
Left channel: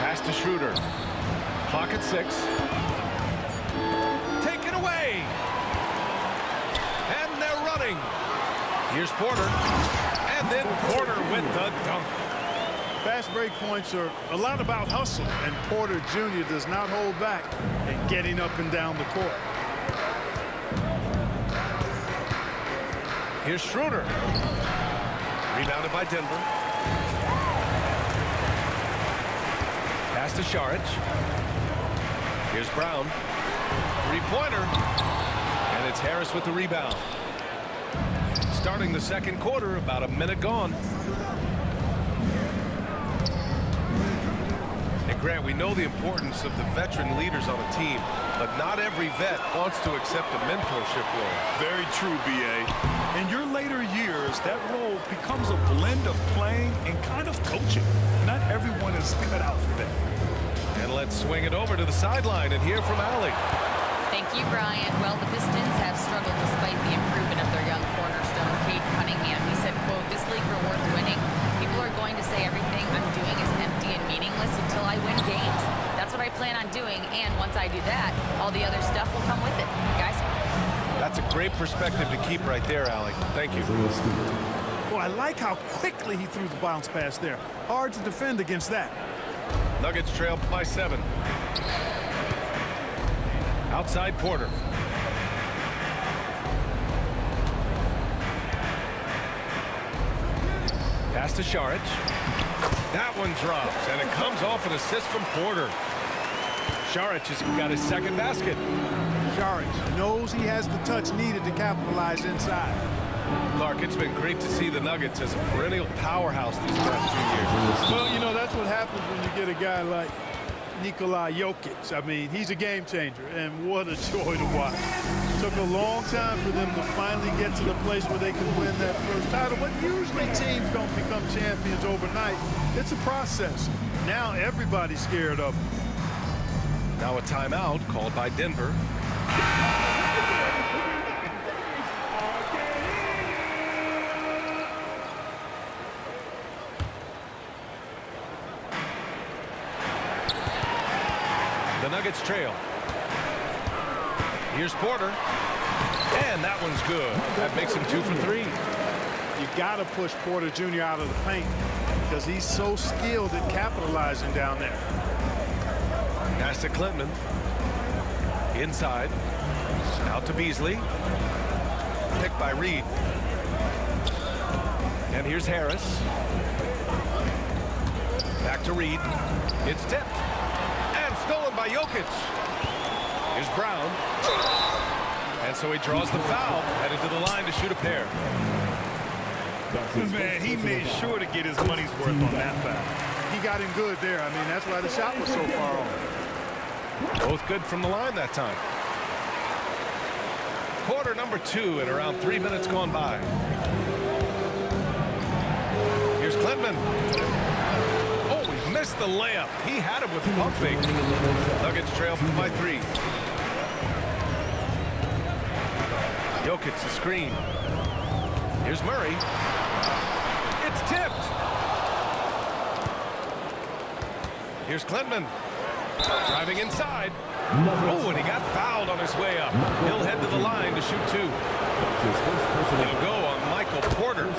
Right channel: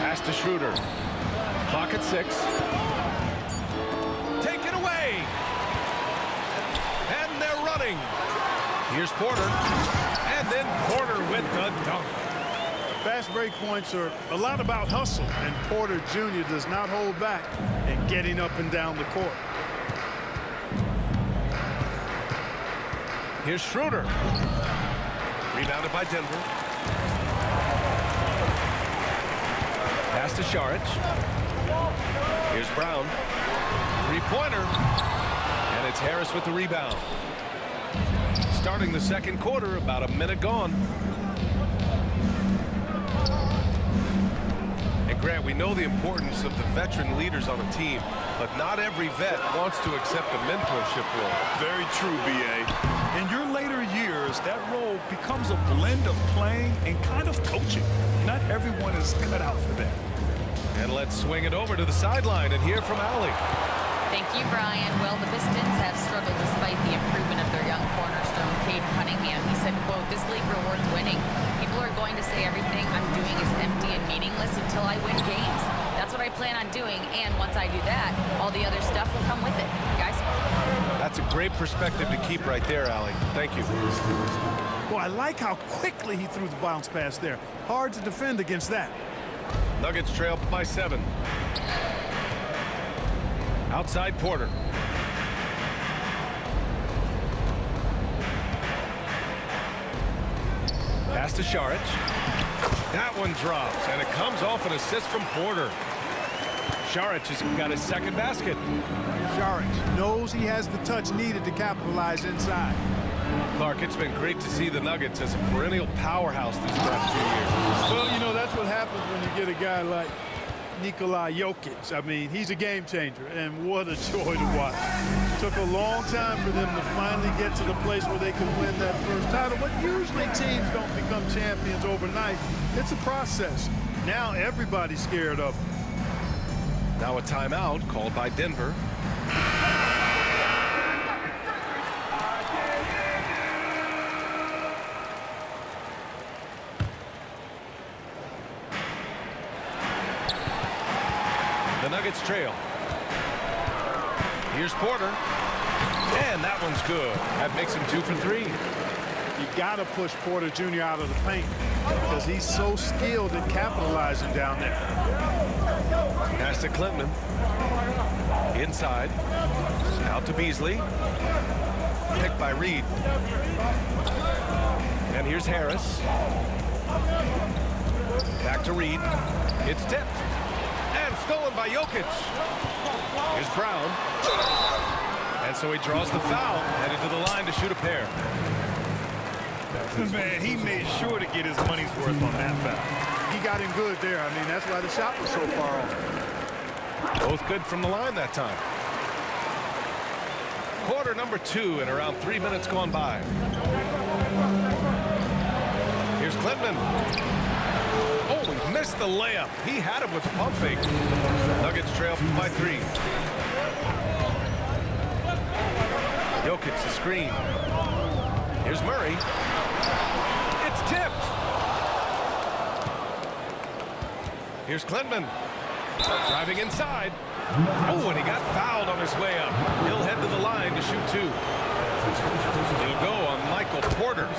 Pass to Schroeder. Clock at 6. Taken away. And they're running. Here's Porter. And then Porter with the dunk. Fast break points are a lot about hustle, and Porter Jr. does not hold back in getting up and down the court. Here's Schroeder. Rebounded by Denver. Pass to Saric. Here's Brown. Three-pointer. And it's Harris with the rebound. Starting the second quarter, about a minute gone. And Grant, we know the importance of the veteran leaders on a team, but not every vet wants to accept a mentorship role. Very true, B.A. In your later years, that role becomes a blend of playing and kind of coaching. Not everyone is cut out for that. And let's swing it over to the sideline and hear from Allie. Thank you, Brian. Well, the Pistons have struggled despite the improvement of their young cornerstone, Cade Cunningham. He said, quote, "This league rewards winning. People are going to say everything I'm doing is empty and meaningless until I win games. That's what I plan on doing, and once I do that, all the other stuff will come with it." Guys? That's a great perspective to keep right there, Allie. Thank you. Well, I like how quickly he threw the bounce pass there. Hard to defend against that. Nuggets trail by 7. Outside Porter. Pass to Saric. That one drops, and it comes off an assist from Porter. Saric has got his second basket. Saric knows he has the touch needed to capitalize inside. Clark, it's been great to see the Nuggets as a perennial powerhouse these past few years. Well, you know, that's what happens when you get a guy like Nikola Jokic. I mean, he's a game changer, and what a joy to watch. It took a long time for them to finally get to the place where they can win that first title, but usually teams don't become champions overnight. It's a process. Now everybody's scared of them. Now a timeout called by Denver. The Nuggets trail. Here's Porter. And that one's good. That makes him 2 for 3. You got to push Porter Jr. out of the paint because he's so skilled at capitalizing down there. Pass to Clinton. Inside. Out to Beasley. Picked by Reed. And here's Harris. Back to Reed. It's tipped. And stolen by Jokic. Here's Brown. And so he draws the foul. Headed to the line to shoot a pair. Man, he made sure to get his money's worth on that foul. He got him good there. I mean, that's why the shot was so far off. Both good from the line that time. Quarter number 2 and around 3 minutes gone by. Here's Clinton. Oh, he missed the layup. He had him with the pump fake. Nuggets trail by 3. Jokic the screen. Here's Murray. It's tipped. Here's Clinton. Driving inside. Oh, and he got fouled on his way up. He'll head to the line to shoot 2. It'll go on Michael Porter.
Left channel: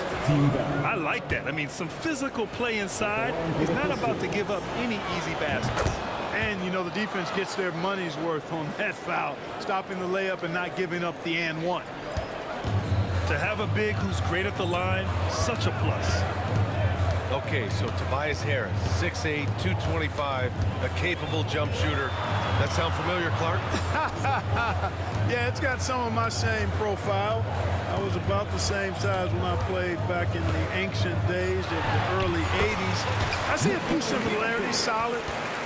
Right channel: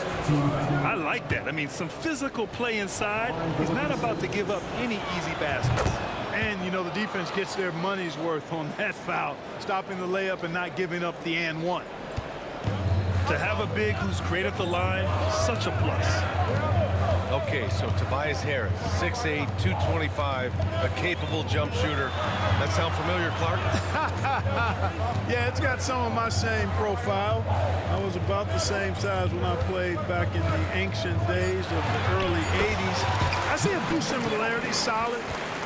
I like that. I mean, some physical play inside. He's not about to give up any easy baskets. And, you know, the defense gets their money's worth on that foul, stopping the layup and not giving up the and one. To have a big who's great at the line, such a plus. Okay, so Tobias Harris, 6'8", 225, a capable jump shooter. That sound familiar, Clark? Yeah, it's got some of my same profile. I was about the same size when I played back in the ancient days of the early 80s. I see a few similarities. Solid,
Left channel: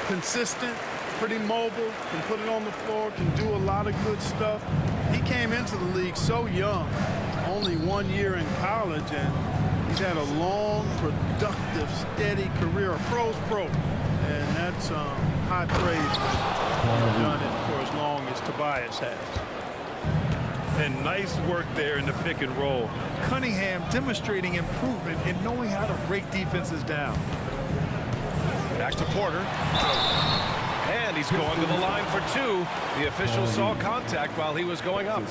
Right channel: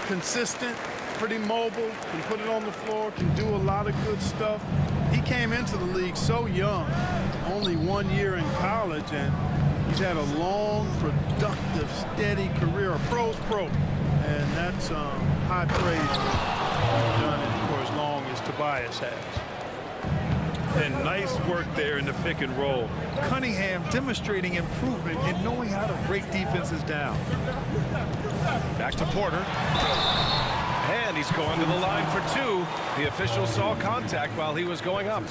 consistent, pretty mobile, can put it on the floor, can do a lot of good stuff. He came into the league so young, only 1 year in college, and he's had a long, productive, steady career, a pro's pro. And that's high praise when you've done it for as long as Tobias has. And nice work there in the pick and roll. Cunningham demonstrating improvement in knowing how to break defenses down. Back to Porter. And he's going to the line for 2. The official saw contact while he was going up.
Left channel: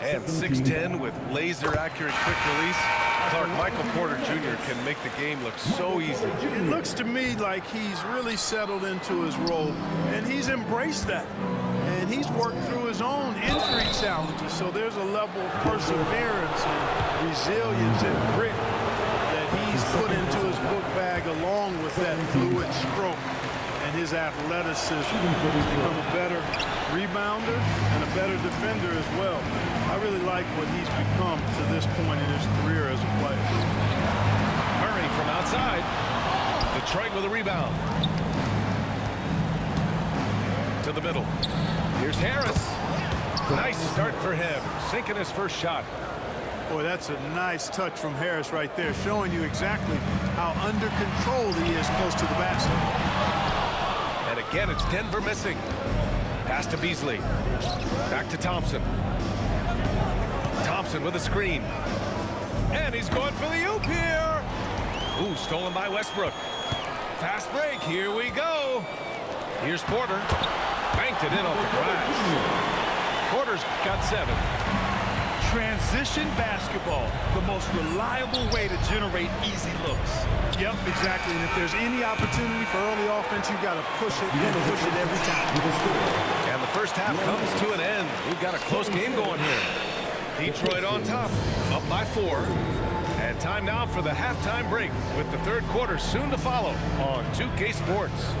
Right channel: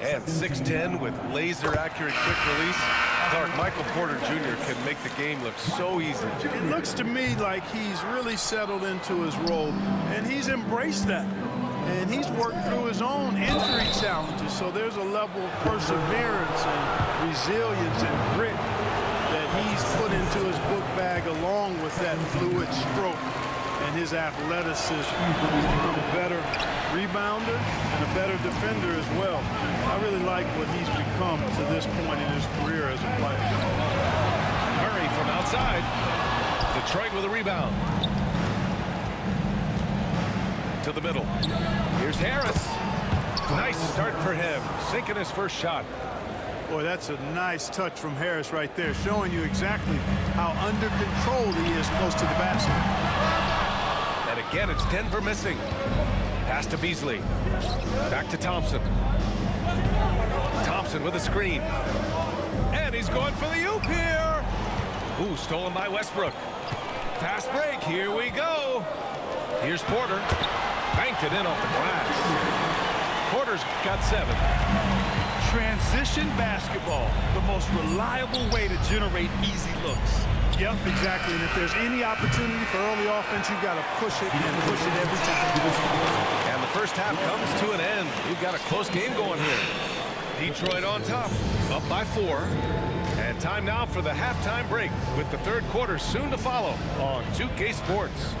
And 6'10" with laser-accurate quick release. Clark, Michael Porter Jr. can make the game look so easy. It looks to me like he's really settled into his role, and he's embraced that. And he's worked through his own injury challenges, so there's a level of perseverance and resilience and grit that he's put into his book bag along with that fluid stroke and his athleticism. He's become a better rebounder and a better defender as well. I really like what he's become to this point in his career as a player. Murray from outside. Detroit with a rebound. To the middle. Here's Harris. Nice start for him. Sinking his first shot. Boy, that's a nice touch from Harris right there, showing you exactly how under control he is close to the basket. And again, it's Denver missing. Pass to Beasley. Back to Thompson. Thompson with a screen. And he's going for the oop here. Ooh, stolen by Westbrook. Fast break. Here we go. Here's Porter. Banked it in off the glass. Porter's got 7. Transition basketball, the most reliable way to generate easy looks. Yep, exactly. And if there's any opportunity for early offense, you've got to push it and push it every time. And the first half comes to an end. We've got a close game going here. Detroit on top, up by 4. And time now for the halftime break with the third quarter soon to follow on 2K Sports.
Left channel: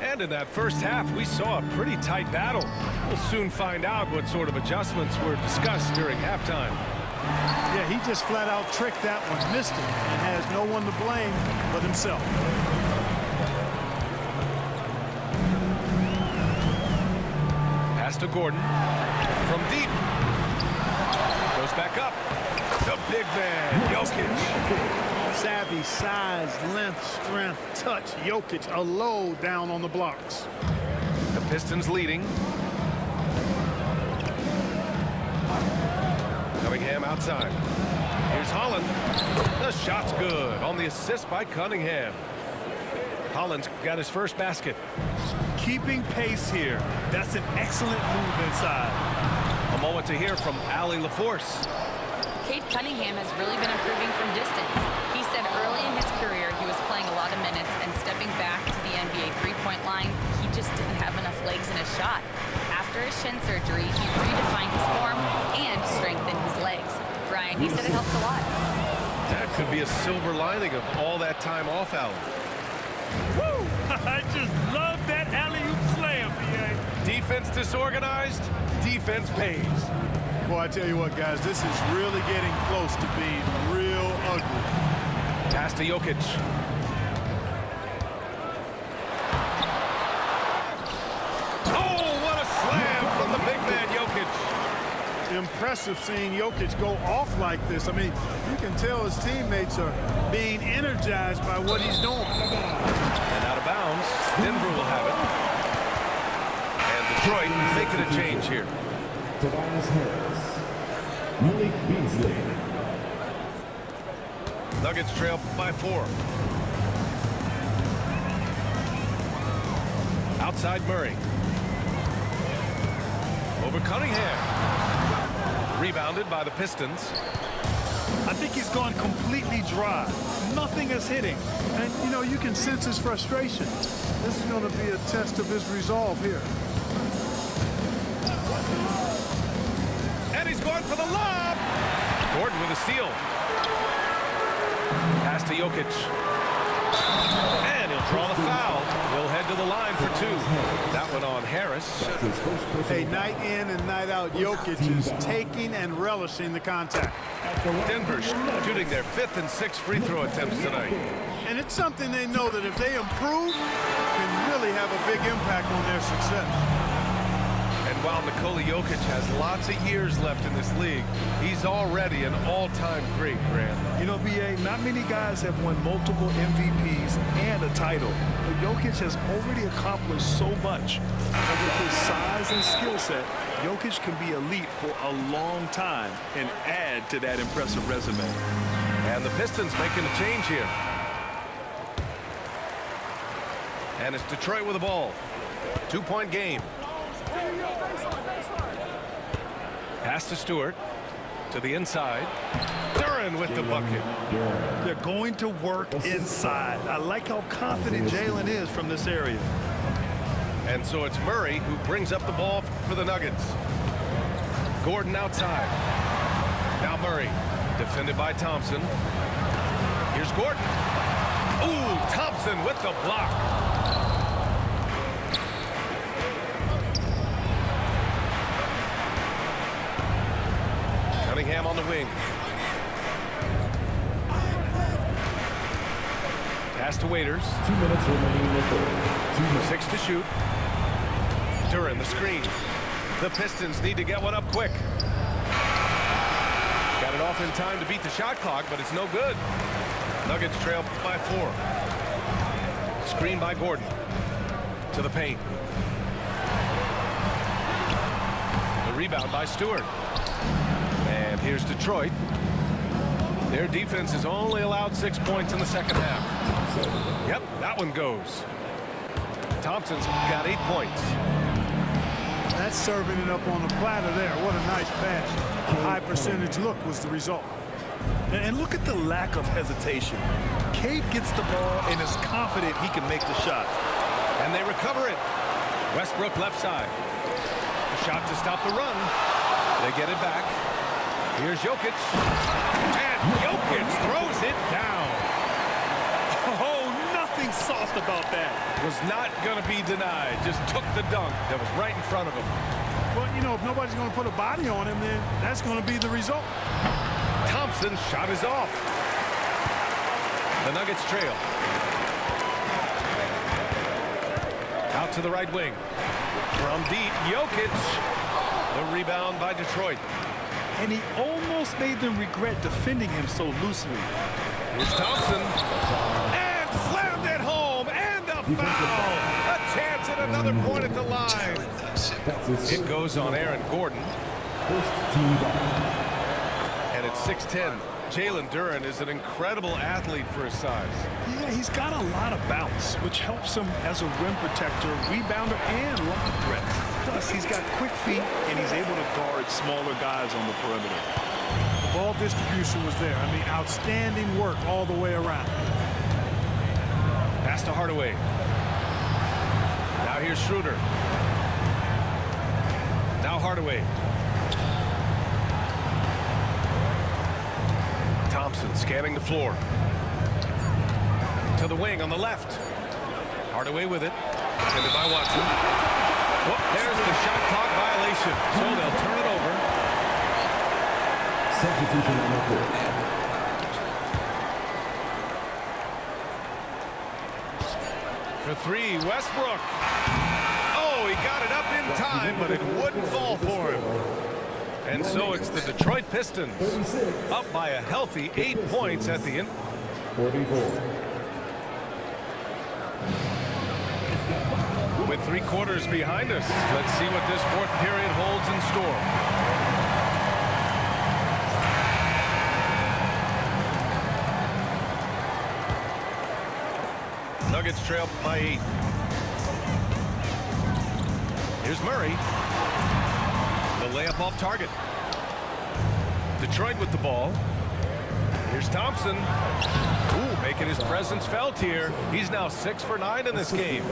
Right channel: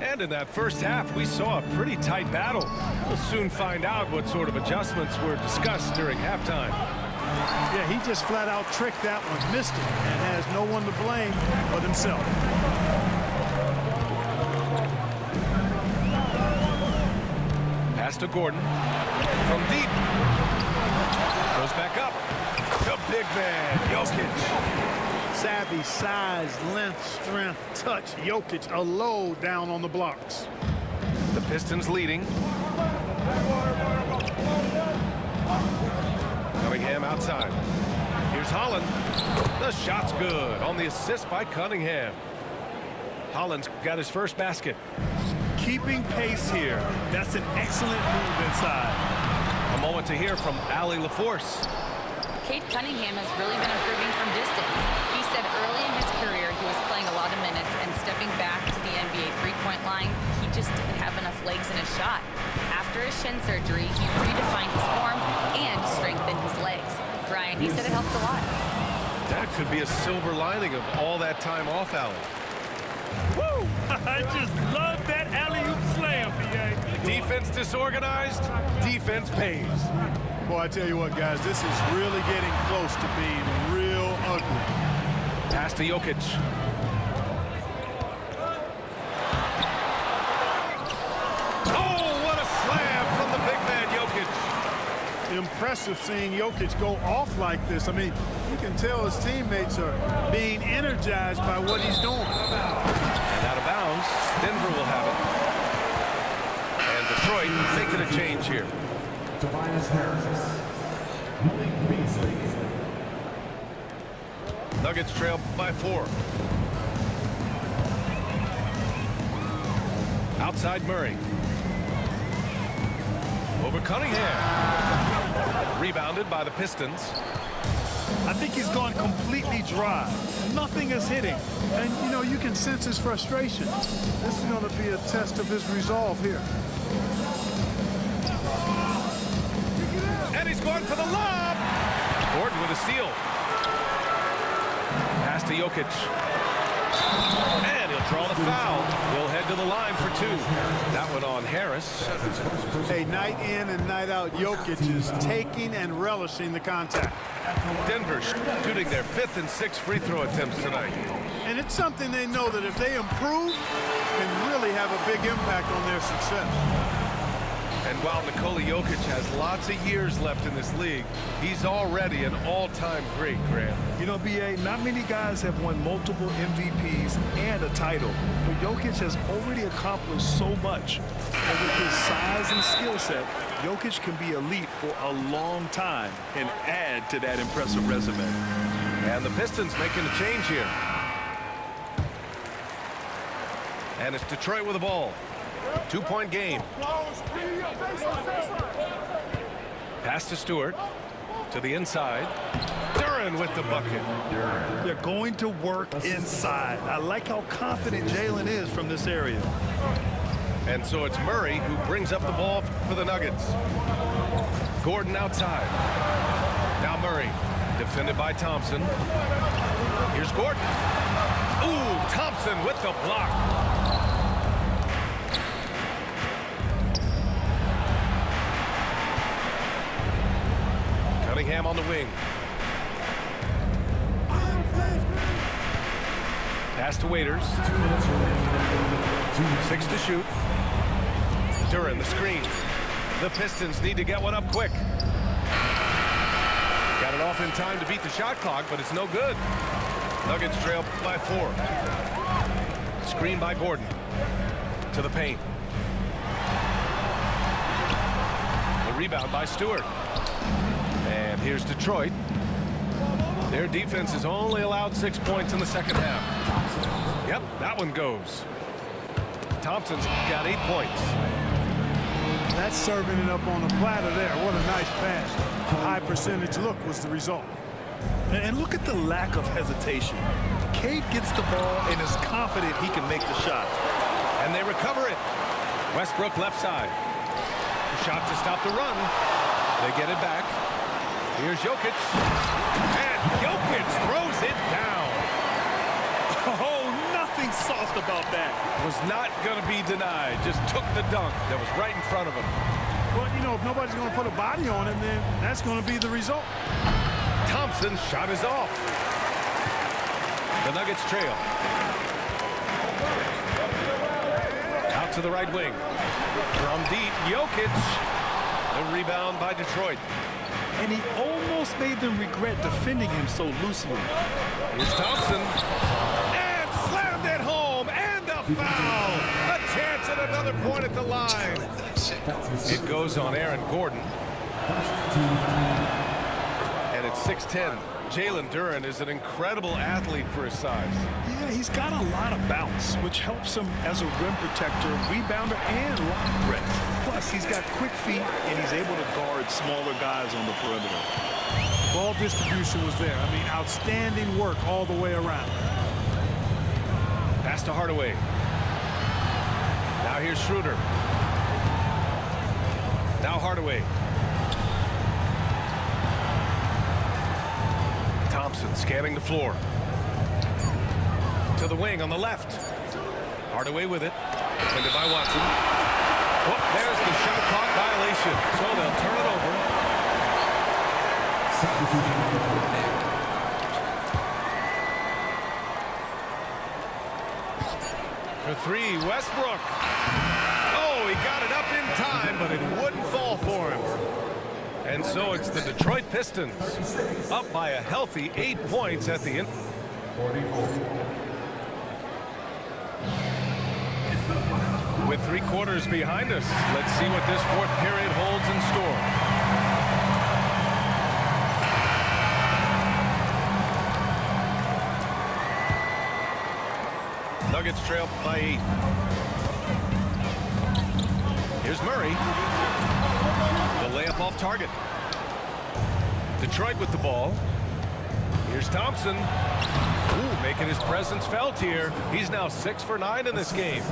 And in that first half, we saw a pretty tight battle. We'll soon find out what sort of adjustments were discussed during halftime. Yeah, he just flat out tricked that one, missed it, and has no one to blame but himself. Pass to Gordon. From deep. Goes back up. The big man, Jokic. Savvy, size, length, strength, touch. Jokic, a low down on the blocks. The Pistons leading. Cunningham outside. Here's Holland. The shot's good on the assist by Cunningham. Holland's got his first basket. Keeping pace here. That's an excellent move inside. A moment to hear from Allie LaForce. Cade Cunningham has really been improving from distance. He said early in his career he was playing a lot of minutes and stepping back to the NBA three-point line, he just didn't have enough legs in his shot. After his shin surgery, he redefined his form and strengthened his legs. Brian, he said it helped a lot. That could be a silver lining of all that time off, Allie. Woo! I just love that alley-oop slam, B.A. Defense disorganized, defense pays. Boy, I tell you what, guys, this is really getting close to being real ugly. Pass to Jokic. Oh, what a slam from the big man, Jokic. Impressive seeing Jokic go off like this. I mean, you can tell his teammates are being energized by what he's doing. And out of bounds, Denver will have it. And Detroit making a change here. Tobias Harris. Malik Beasley. Nuggets trail by 4. Outside Murray. Over Cunningham. Rebounded by the Pistons. I think he's gone completely dry. Nothing is hitting. And, you know, you can sense his frustration. This is going to be a test of his resolve here. And he's going for the lob. Gordon with a steal. Pass to Jokic. And he'll draw the foul. He'll head to the line for 2. That one on Harris. Hey, night in and night out, Jokic is taking and relishing the contact. Denver shooting their 5th and 6th free throw attempts tonight. And it's something they know that if they improve, can really have a big impact on their success. And while Nikola Jokic has lots of years left in this league, he's already an all-time great, Grant. You know, B.A., not many guys have won multiple MVPs and a title, but Jokic has already accomplished so much. And with his size and skill set, Jokic can be elite for a long time and add to that impressive resume. And the Pistons making a change here. And it's Detroit with the ball. 2-point game. Pass to Stewart. To the inside. Duren with the bucket. They're going to work inside. I like how confident Jalen is from this area. And so it's Murray who brings up the ball for the Nuggets. Gordon outside. Now Murray. Defended by Thompson. Here's Gordon. Ooh, Thompson with the block. Cunningham on the wing. Pass to Waiters. 2 minutes remaining. 6 to shoot. Duren the screen. The Pistons need to get one up quick. Got it off in time to beat the shot clock, but it's no good. Nuggets trail by 4. Screen by Gordon. To the paint. The rebound by Stewart. And here's Detroit. Their defense has only allowed 6 points in the second half. Yep, that one goes. Thompson's got 8 points. That's serving it up on the platter there. What a nice pass. A high percentage look was the result. And look at the lack of hesitation. Cade gets the ball and is confident he can make the shot. And they recover it. Westbrook left side. The shot to stop the run. They get it back. Here's Jokic. And Jokic throws it down. Oh, nothing soft about that. Was not going to be denied. Just took the dunk that was right in front of him. Well, you know, if nobody's going to put a body on him, then that's going to be the result. Thompson's shot is off. The Nuggets trail. Out to the right wing. From deep, Jokic. The rebound by Detroit. And he almost made them regret defending him so loosely. Here's Thompson. And slammed it home. And a foul. A chance at another point at the line. It goes on Aaron Gordon. And it's 6-10. Jalen Duren is an incredible athlete for his size. Yeah, he's got a lot of bounce, which helps him as a rim protector, rebounder, and lob threat. Plus, he's got quick feet, and he's able to guard smaller guys on the perimeter. The ball distribution was there. I mean, outstanding work all the way around. Pass to Hardaway. Now here's Schroeder. Now Hardaway. Thompson scanning the floor. To the wing on the left. Hardaway with it. Defended by Watson. Oh, there's the shot clock violation. So they'll turn it over. For three, Westbrook. Oh, he got it up in time, but it wouldn't fall for him. And so it's the Detroit Pistons up by a healthy 8 points at the end. 44. With 3 quarters behind us, let's see what this fourth period holds in store. Nuggets trail by 8. Here's Murray. The layup off target. Detroit with the ball. Here's Thompson. Ooh, making his presence felt here. He's now 6 for 9 in this game.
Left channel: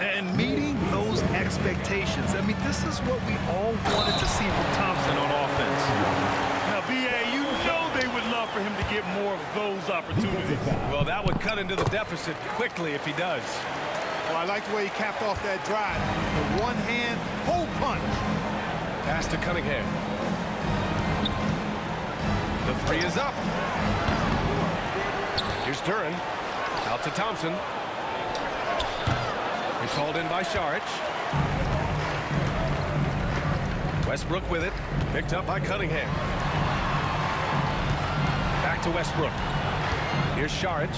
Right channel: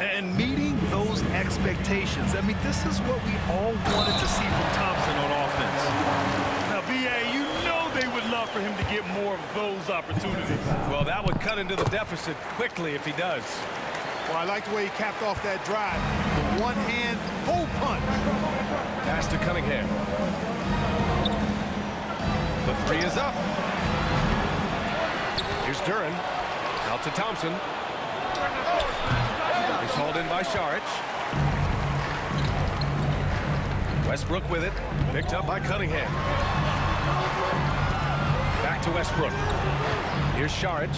And meeting those expectations. I mean, this is what we all wanted to see from Thompson on offense. Now, B.A., you know they would love for him to get more of those opportunities. Well, that would cut into the deficit quickly if he does. Well, I like the way he capped off that drive. The one-hand hole punch. Pass to Cunningham. The 3 is up. Here's Duren. Out to Thompson. It's hauled in by Šarić. Westbrook with it. Picked up by Cunningham. Back to Westbrook. Here's Šarić.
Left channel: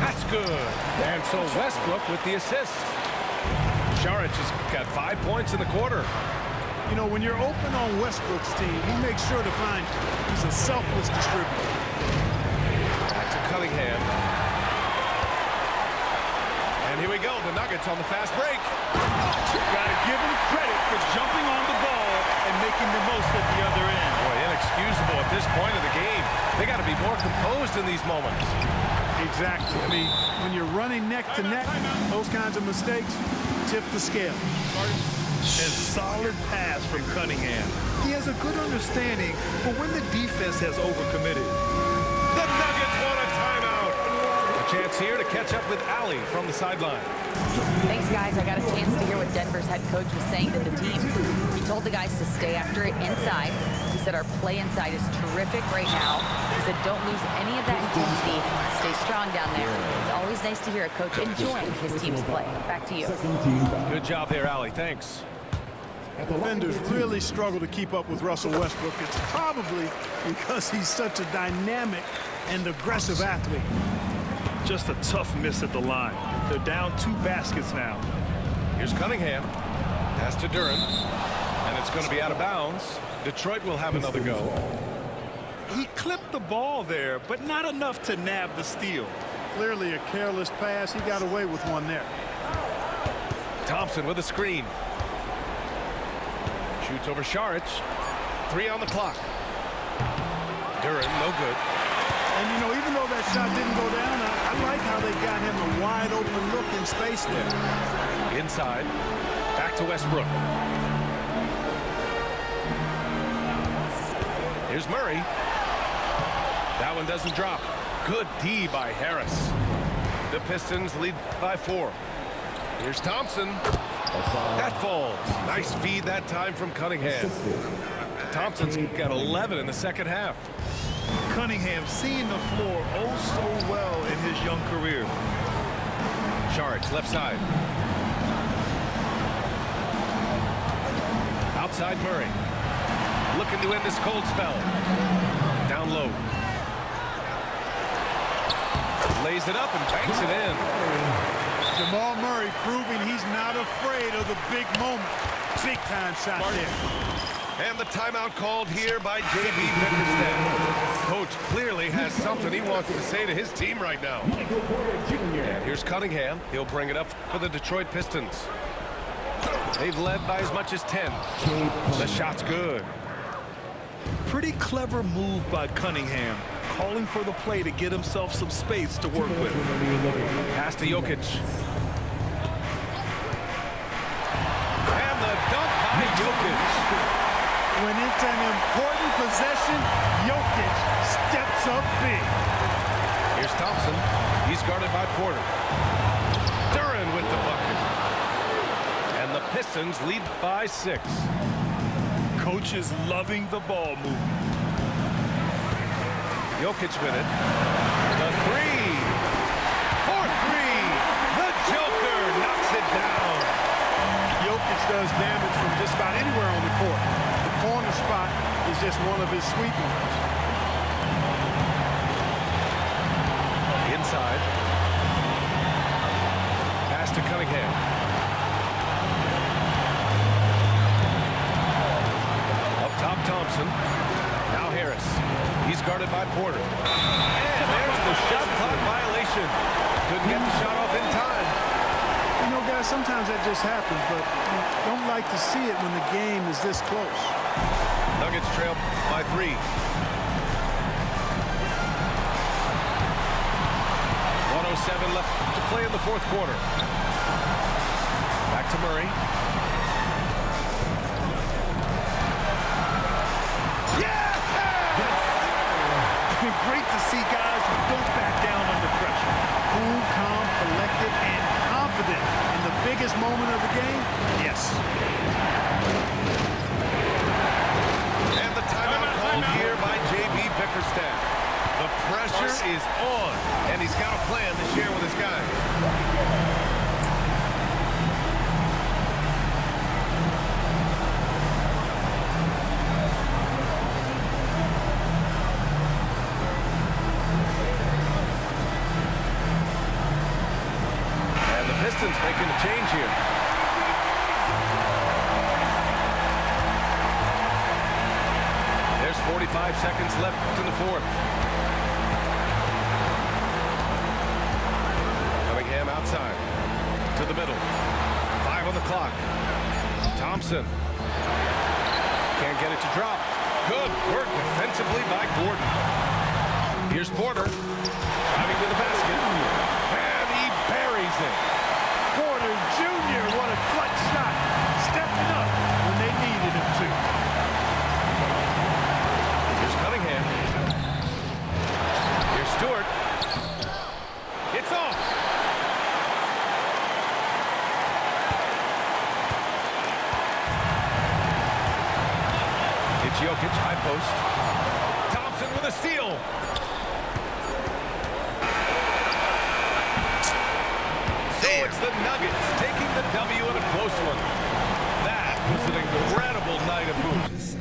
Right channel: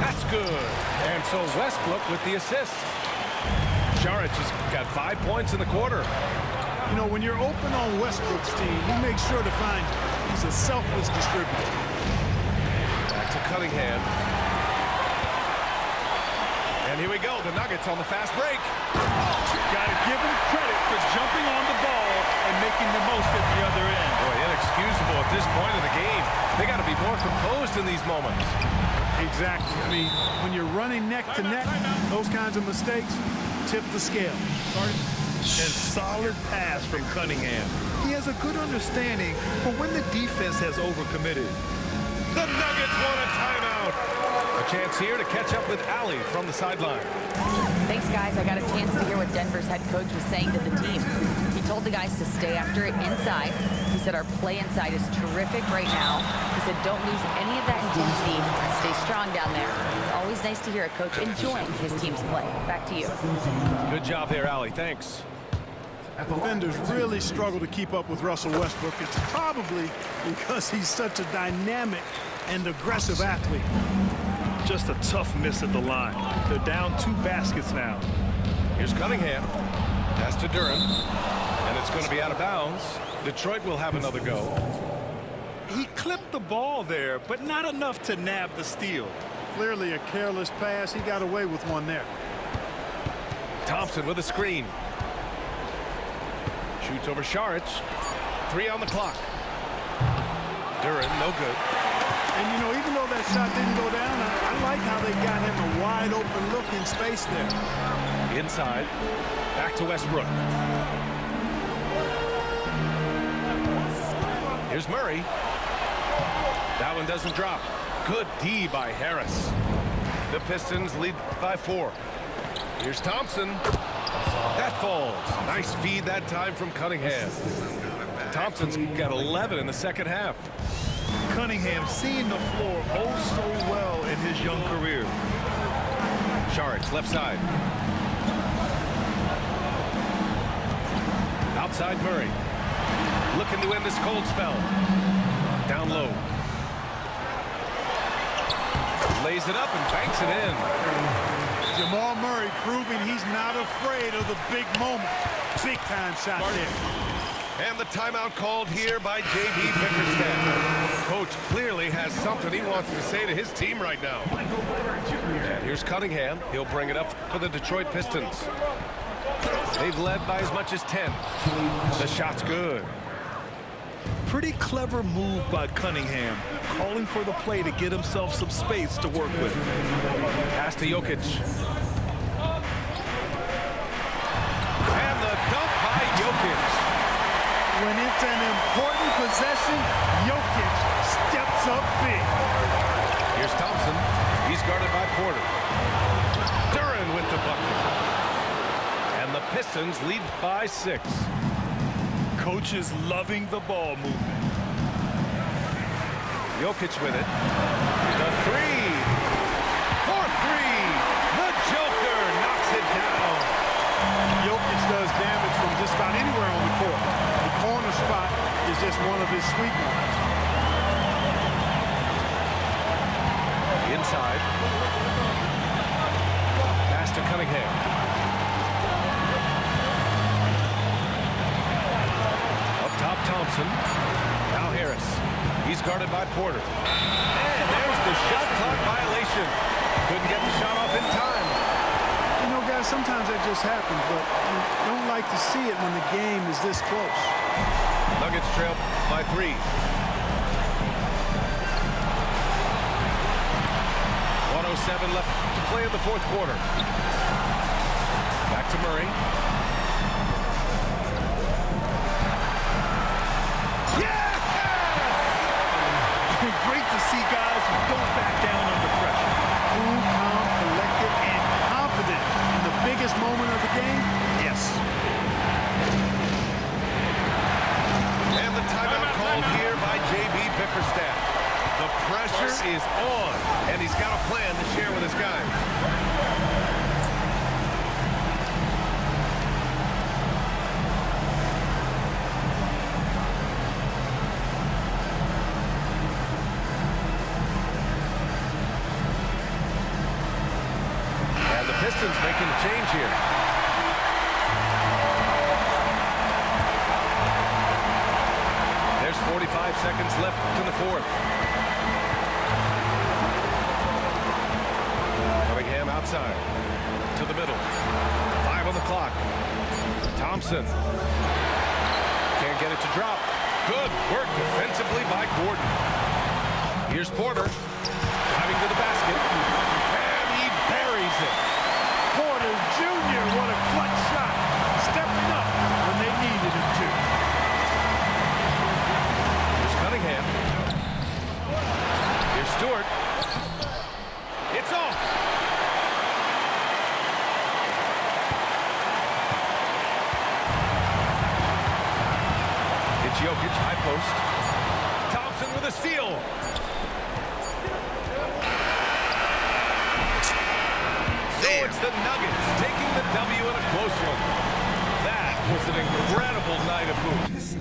That's good. And so Westbrook with the assist. Šarić has got 5 points in the quarter. You know, when you're open on Westbrook's team, he makes sure to find you. He's a selfless distributor. Back to Cunningham. And here we go. The Nuggets on the fast break. Got to give him credit for jumping on the ball and making the most at the other end. Boy, inexcusable at this point of the game. They got to be more composed in these moments. Exactly. I mean, when you're running neck to neck, those kinds of mistakes tip the scale. And solid pass from Cunningham. He has a good understanding for when the defense has overcommitted. The Nuggets want a timeout. A chance here to catch up with Allie from the sideline. Thanks, guys. I got a chance to hear what Denver's head coach was saying to the team. He told the guys to stay after it inside. He said our play inside is terrific right now. He said don't lose any of that intensity. Stay strong down there. It's always nice to hear a coach enjoying his team's play. Back to you. Good job there, Allie. Thanks. Defenders really struggle to keep up with Russell Westbrook. It's probably because he's such a dynamic and aggressive athlete. Just a tough miss at the line. They're down 2 baskets now. Here's Cunningham. Pass to Duren. And it's going to be out of bounds. Detroit will have another go. He clipped the ball there, but not enough to nab the steal. Clearly a careless pass. He got away with one there. Thompson with a screen. Shoots over Šarić. 3 on the clock. Duren, no good. And, you know, even though that shot didn't go down, I like how they got him a wide open look in space there. Inside. Back to Westbrook. Here's Murray. That one doesn't drop. Good D by Harris. The Pistons lead by 4. Here's Thompson. That falls. Nice feed that time from Cunningham. Thompson's got 11 in the second half. Cunningham seeing the floor oh so well in his young career. Sharks left side. Outside Murray. Looking to end this cold spell. Down low. Lays it up and banks it in. Jamal Murray proving he's not afraid of the big moment. Big time shot there. And the timeout called here by J.B. Bickerstaff. Coach clearly has something he wants to say to his team right now. And here's Cunningham. He'll bring it up for the Detroit Pistons. They've led by as much as 10. The shot's good. Pretty clever move by Cunningham, calling for the play to get himself some space to work with. Pass to Jokic. And the dunk by Jokic. When it's an important possession, Jokic steps up big. Here's Thompson. He's guarded by Porter. Duran with the bucket. And the Pistons lead by 6. Coach is loving the ball movement. Jokic with it. The 3. For 3. The Joker knocks it down. Jokic does damage from just about anywhere on the court. The corner spot is just one of his sweet ones. Inside. Pass to Cunningham. Up top, Thompson. Now Harris. He's guarded by Porter. And there's the shot clock violation. Couldn't get the shot off in time. You know, guys, sometimes that just happens, but you don't like to see it when the game is this close. Nuggets trail by 3. 1:07 left to play in the fourth quarter. Back to Murray. Yes! Great to see guys who don't back down under pressure. Cool, calm, collected, and confident in the biggest moment of the game. Yes. And the timeout called here by J.B. Bickerstaff. The pressure is on, and he's got a plan to share with his guys. And the Pistons making a change here. There's 45 seconds left in the fourth. Cunningham outside to the middle. 5 on the clock. Thompson can't get it to drop. Good work defensively by Gordon. Here's Porter driving to the basket, and he buries it. Porter Jr., what a clutch shot. Stepping up when they needed him to. Here's Cunningham. Here's Stewart. It's off. It's Jokic, high post. Thompson with a steal. So it's the Nuggets taking the W in a close one. That was an incredible night of hoops.